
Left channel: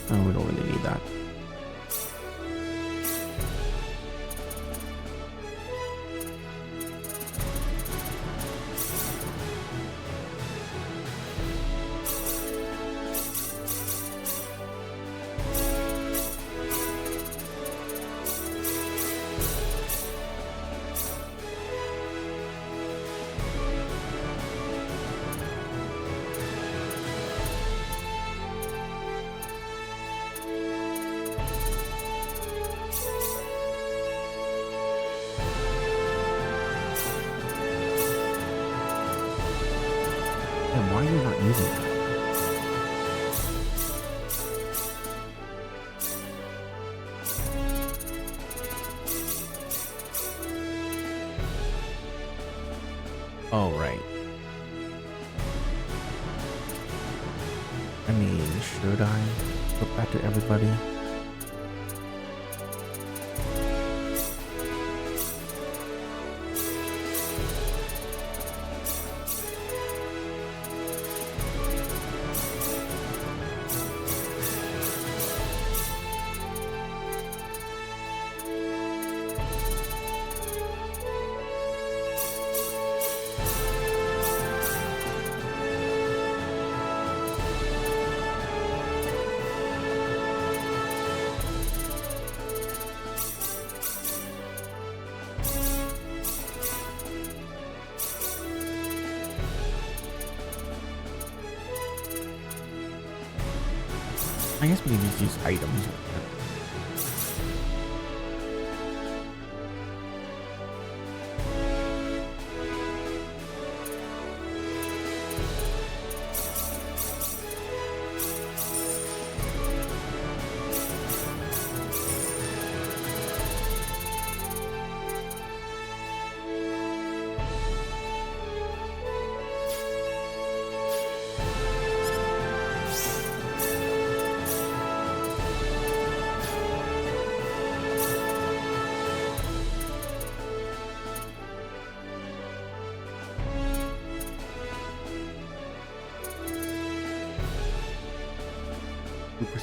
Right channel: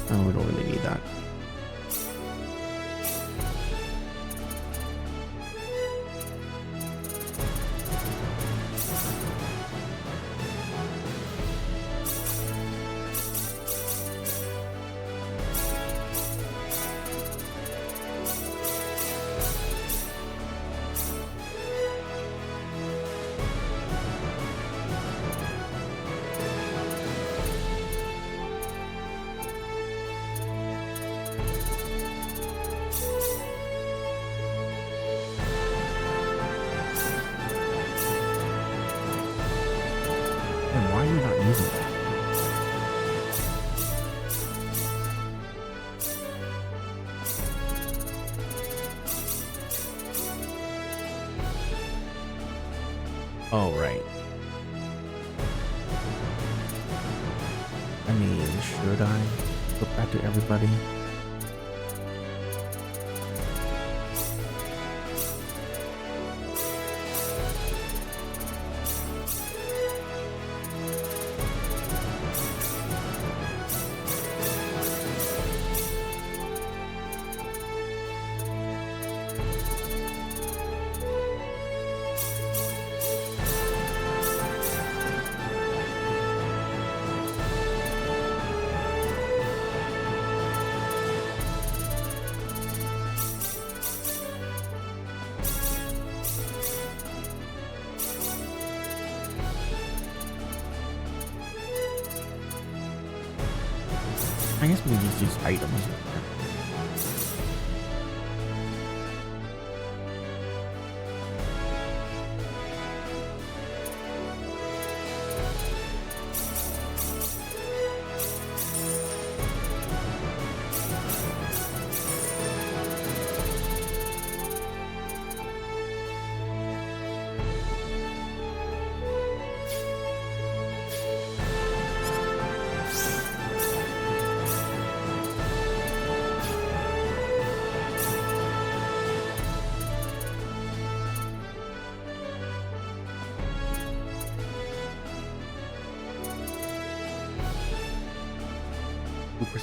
Oh, we don't really need that. And why are you not using that? Oh, right. I mean, should I put that to everybody? I guess we can just use items.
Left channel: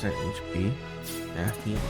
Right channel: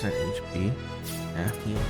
HP. Yeah, heal.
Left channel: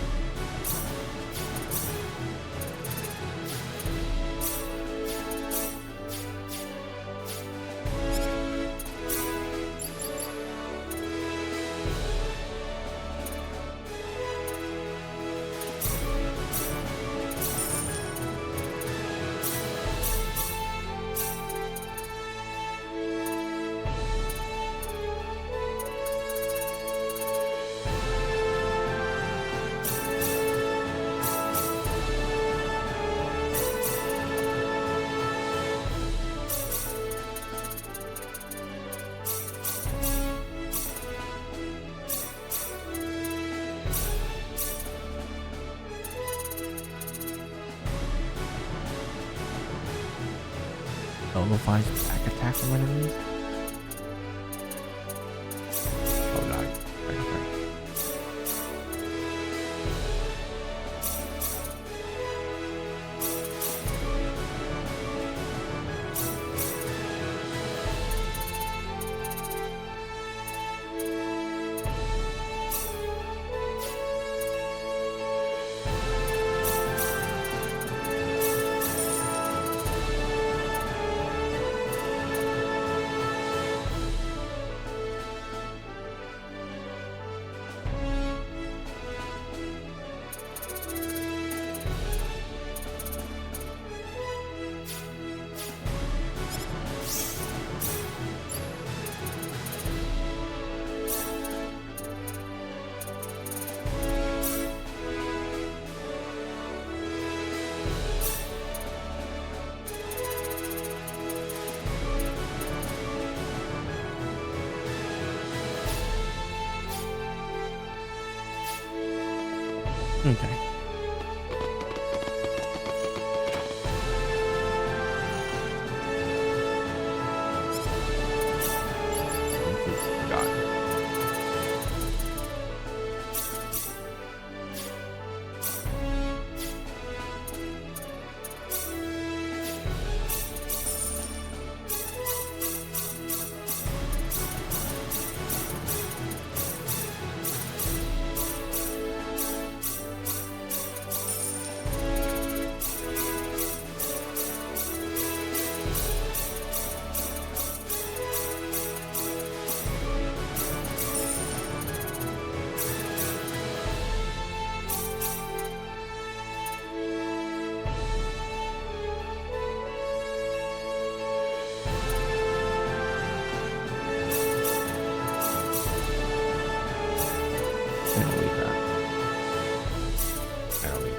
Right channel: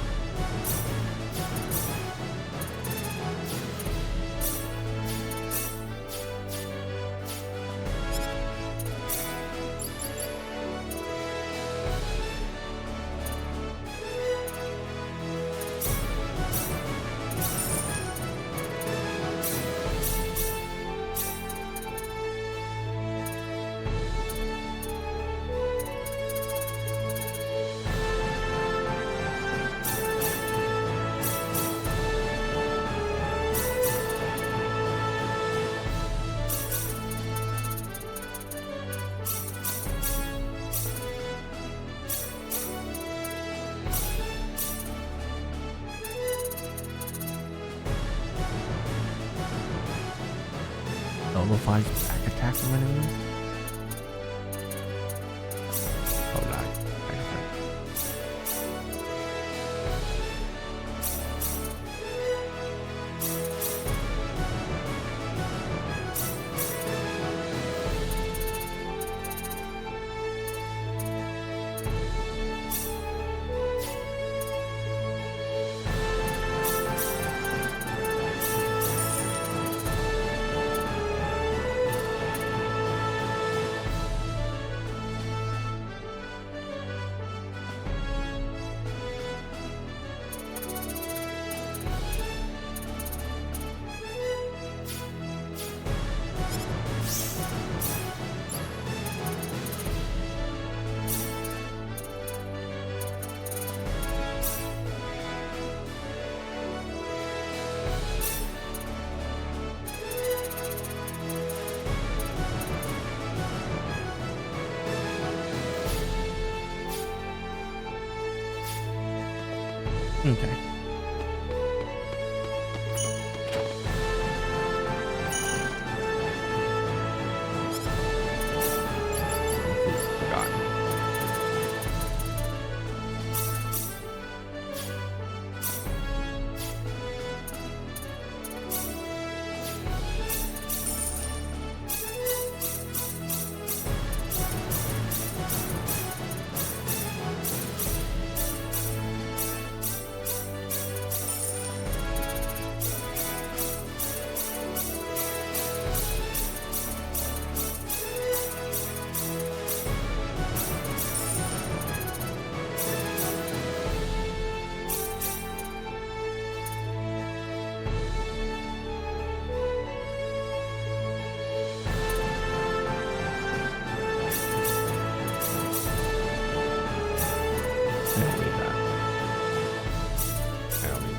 Nullifies back attack from enemies? Oh no, I got fight. Okay. Forgot. I don't need that. I don't need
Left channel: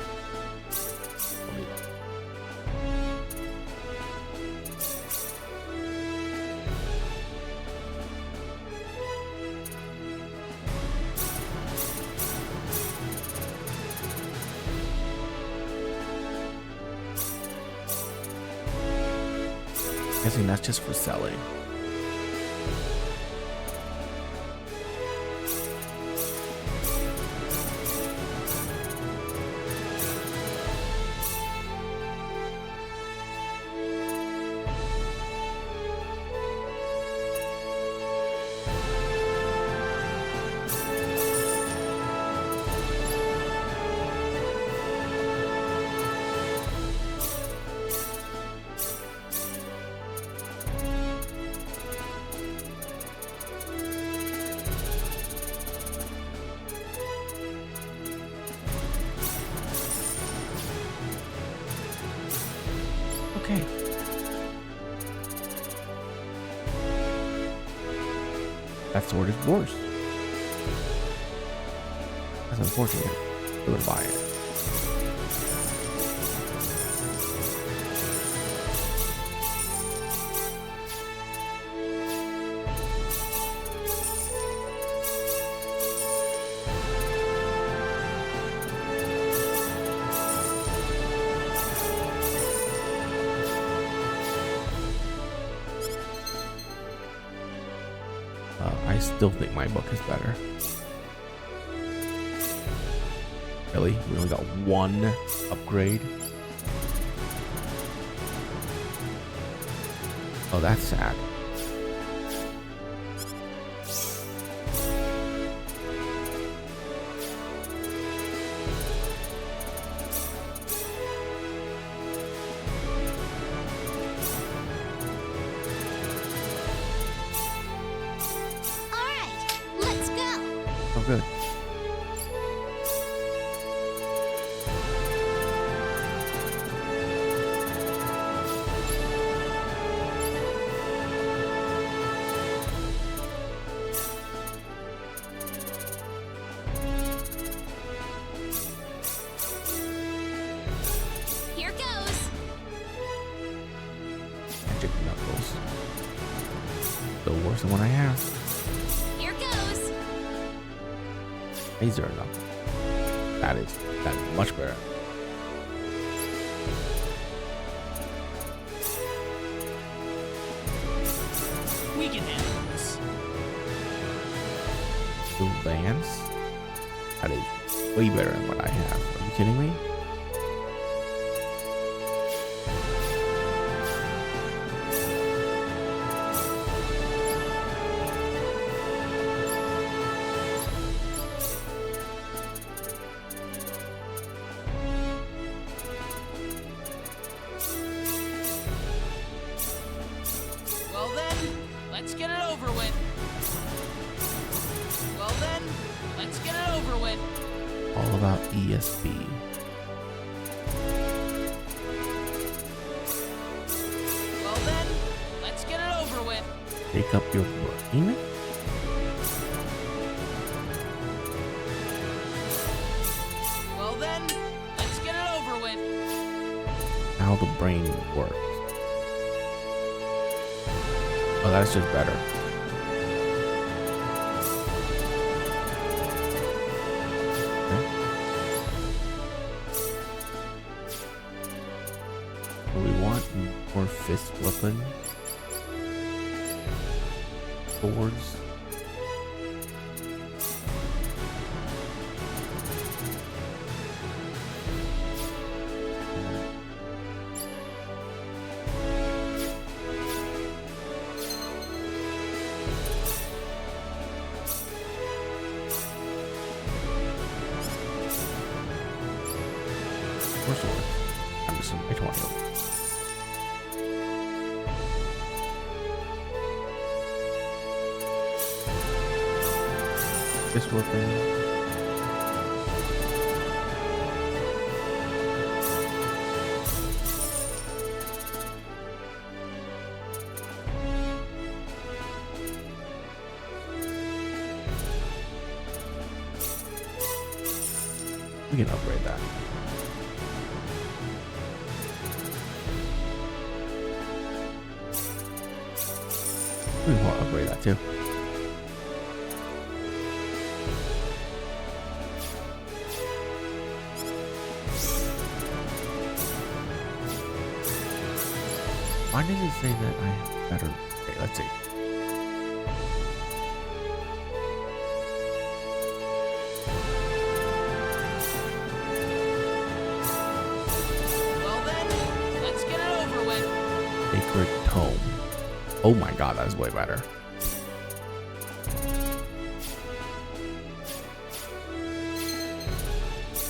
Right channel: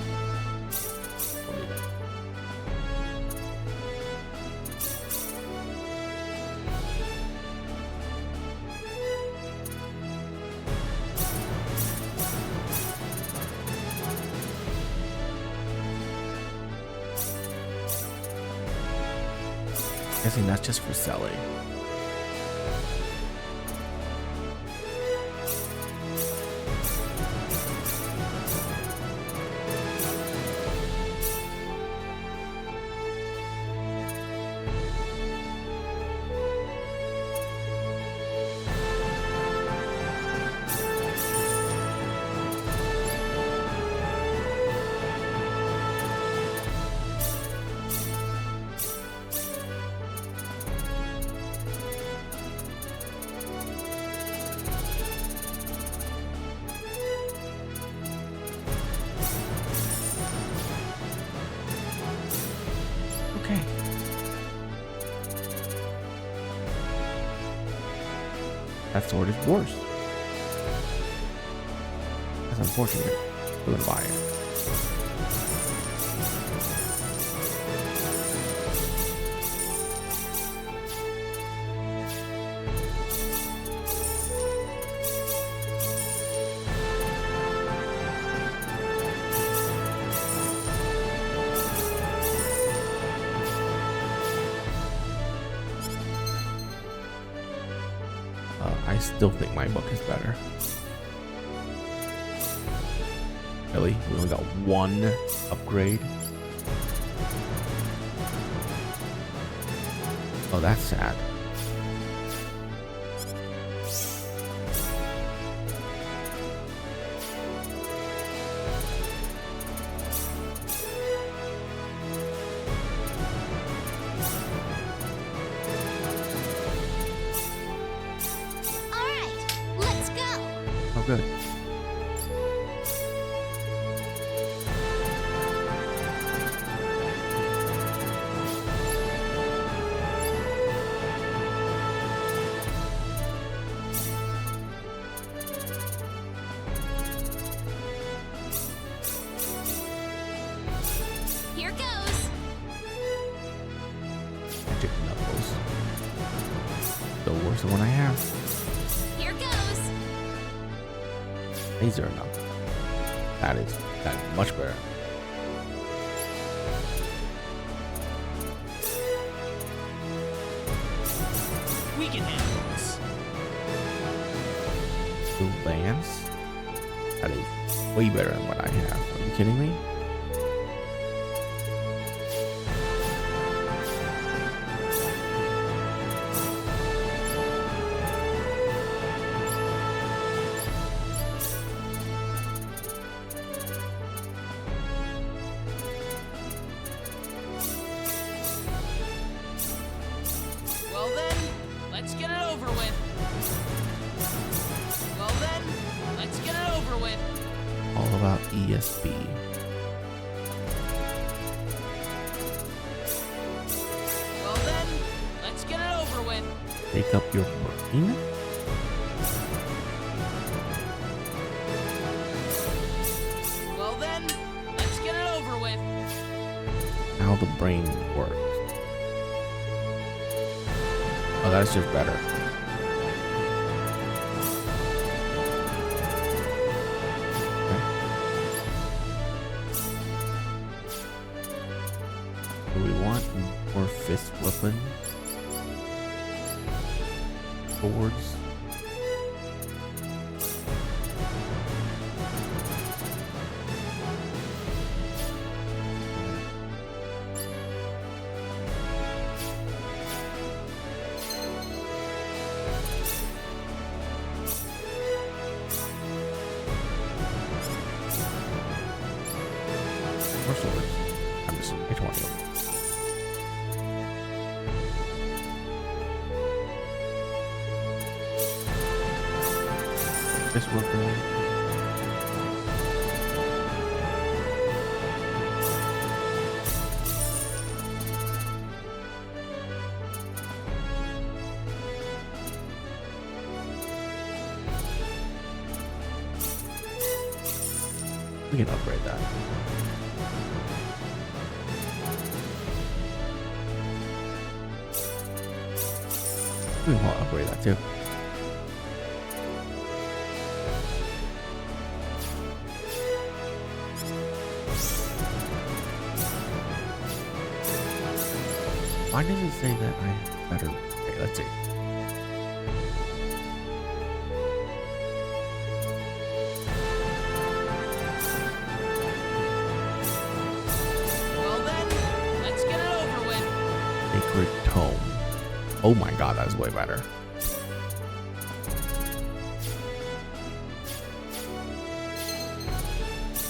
that. Guessing that's just for selling. Okay. That sword is worse. That's unfortunate. I'm gonna buy it. I still think my book is better. Really? We only got one upgrade? Oh, that's sad. Oh, good. Here goes. Magic knuckles. Still worse than what I have. Here goes. Laser knuckle. That is much better. We can handle this. Blue lance. That is way better than what I have. Are you kidding me? Well then, let's get it over with. Well then, let's get it over with. All about ESB. Well then, let's get it over with. Take up your brain? Well then, let's get it over with. How the brain works. Oh, that's just better. Okay. want more fist weapons. Swords. More swords. I'm just in my 20 of them. This weapon. We can upgrade that. We will upgrade that too. Why does it say that I have better? Okay, let's see. Well then, let's get it over with. Sacred Tome. Oh my god, that's way better.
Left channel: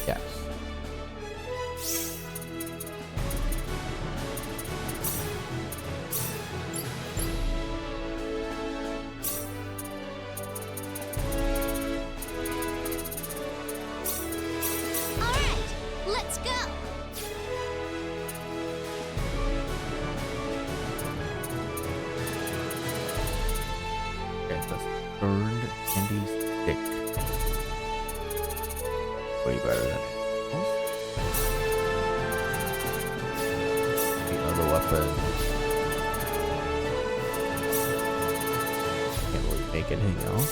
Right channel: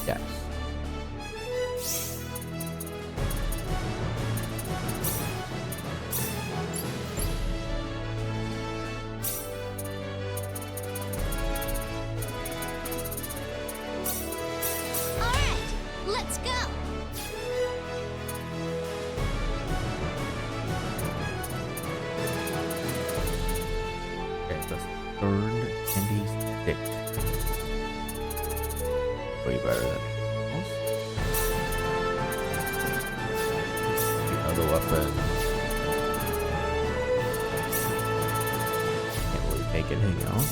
Yes. All right, let's go. Okay, the third candy stick. Way better than most. The other weapon. Can't really make anything else.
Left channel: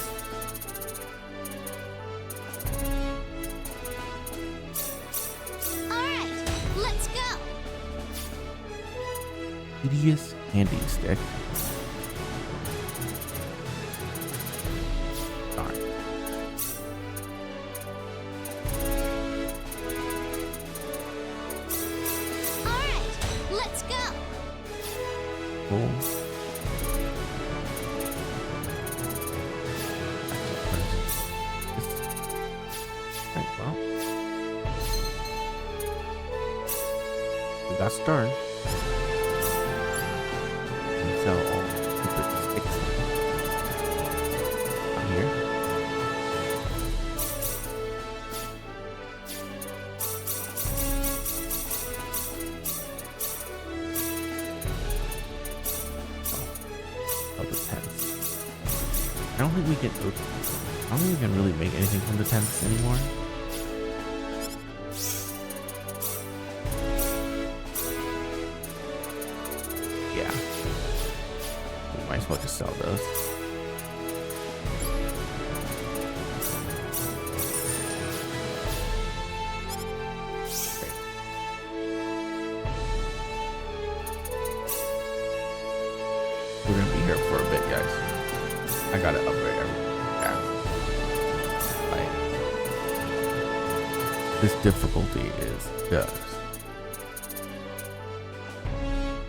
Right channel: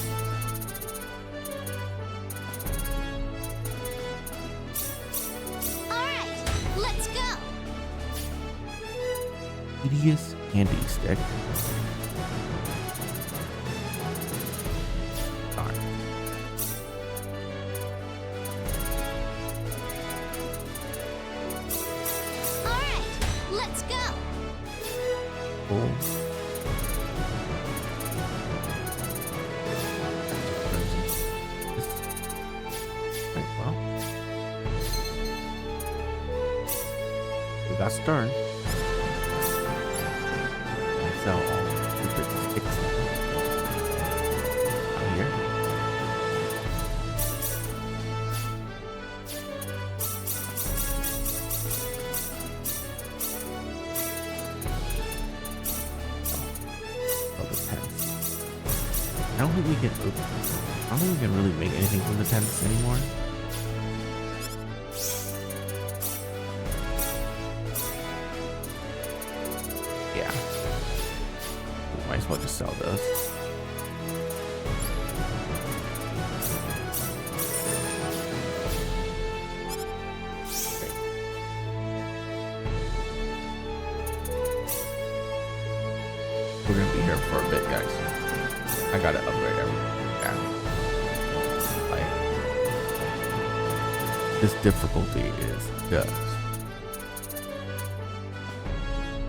All right, let's go. Hideous candy stick. Darn. All right, let's go. Cool. That's what turns into this. Right, well. We got Stern. And sell all stupid sticks now. Out here. Oh, the tents. I don't think we can. I don't think we can really make anything from the tents anymore. Yeah. We might as well just sell those. Great. We're gonna be here for a bit, guys. I gotta upgrade everything. Yeah. Like, this difficulty is just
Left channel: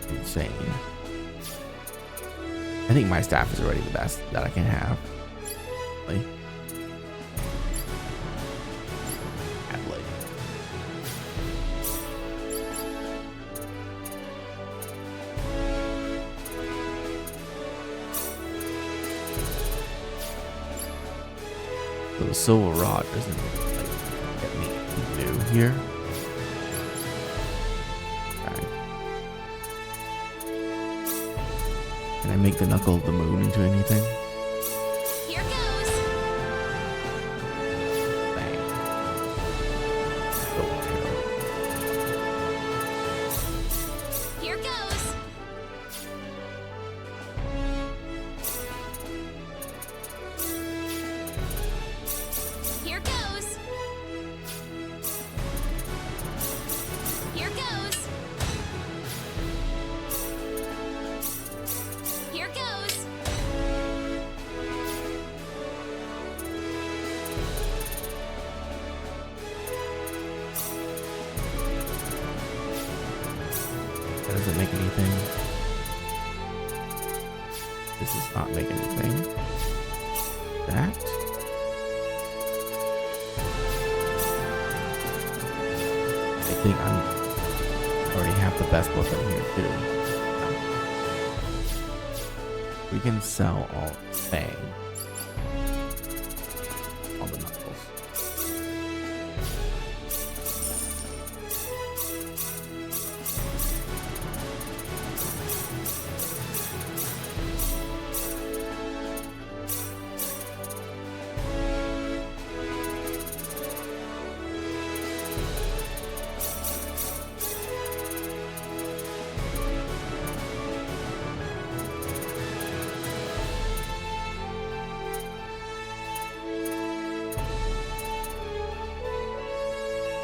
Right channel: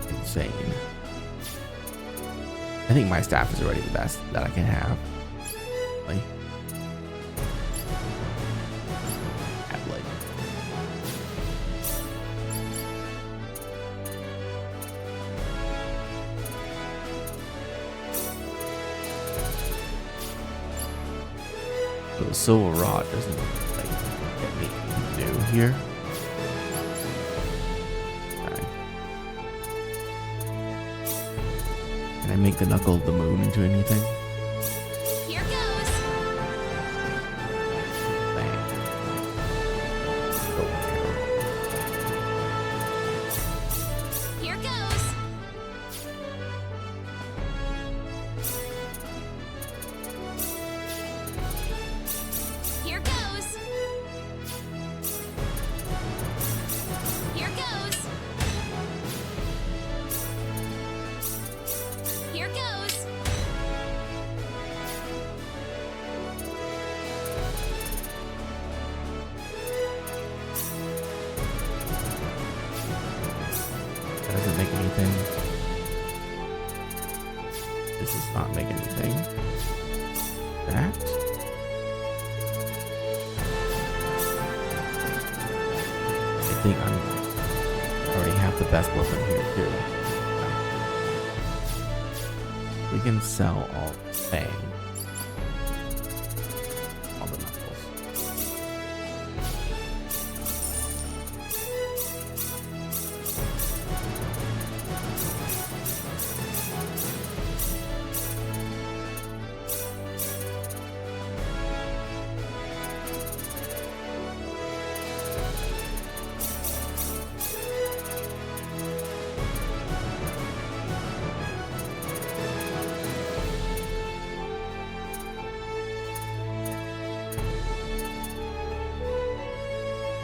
insane. I think my staff is already the best that I can have. Like, Adelaide. So the silver rod doesn't like get me new here. Okay. Can I make the knuckle of the moon into anything? Here goes. Bang. Oh, arrow. Here goes. Here goes. Here goes. doesn't make anything. This does not make anything. That. I think I already have the best weapon here too. We can sell all Fang. All the knuckles.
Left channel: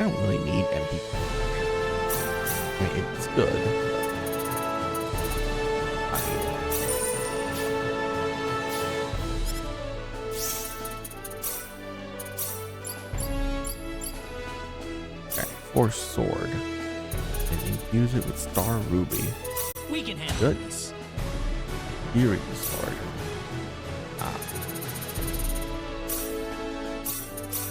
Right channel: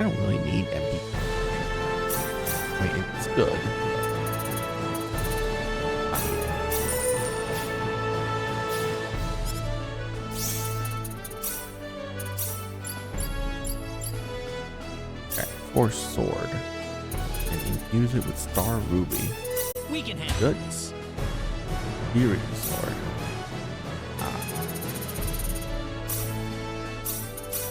I don't really need MP. I mean, it's good. But I need it. Okay, Force Sword. And infuse it with Star Ruby. We can handle Good. this. Hearing Sword.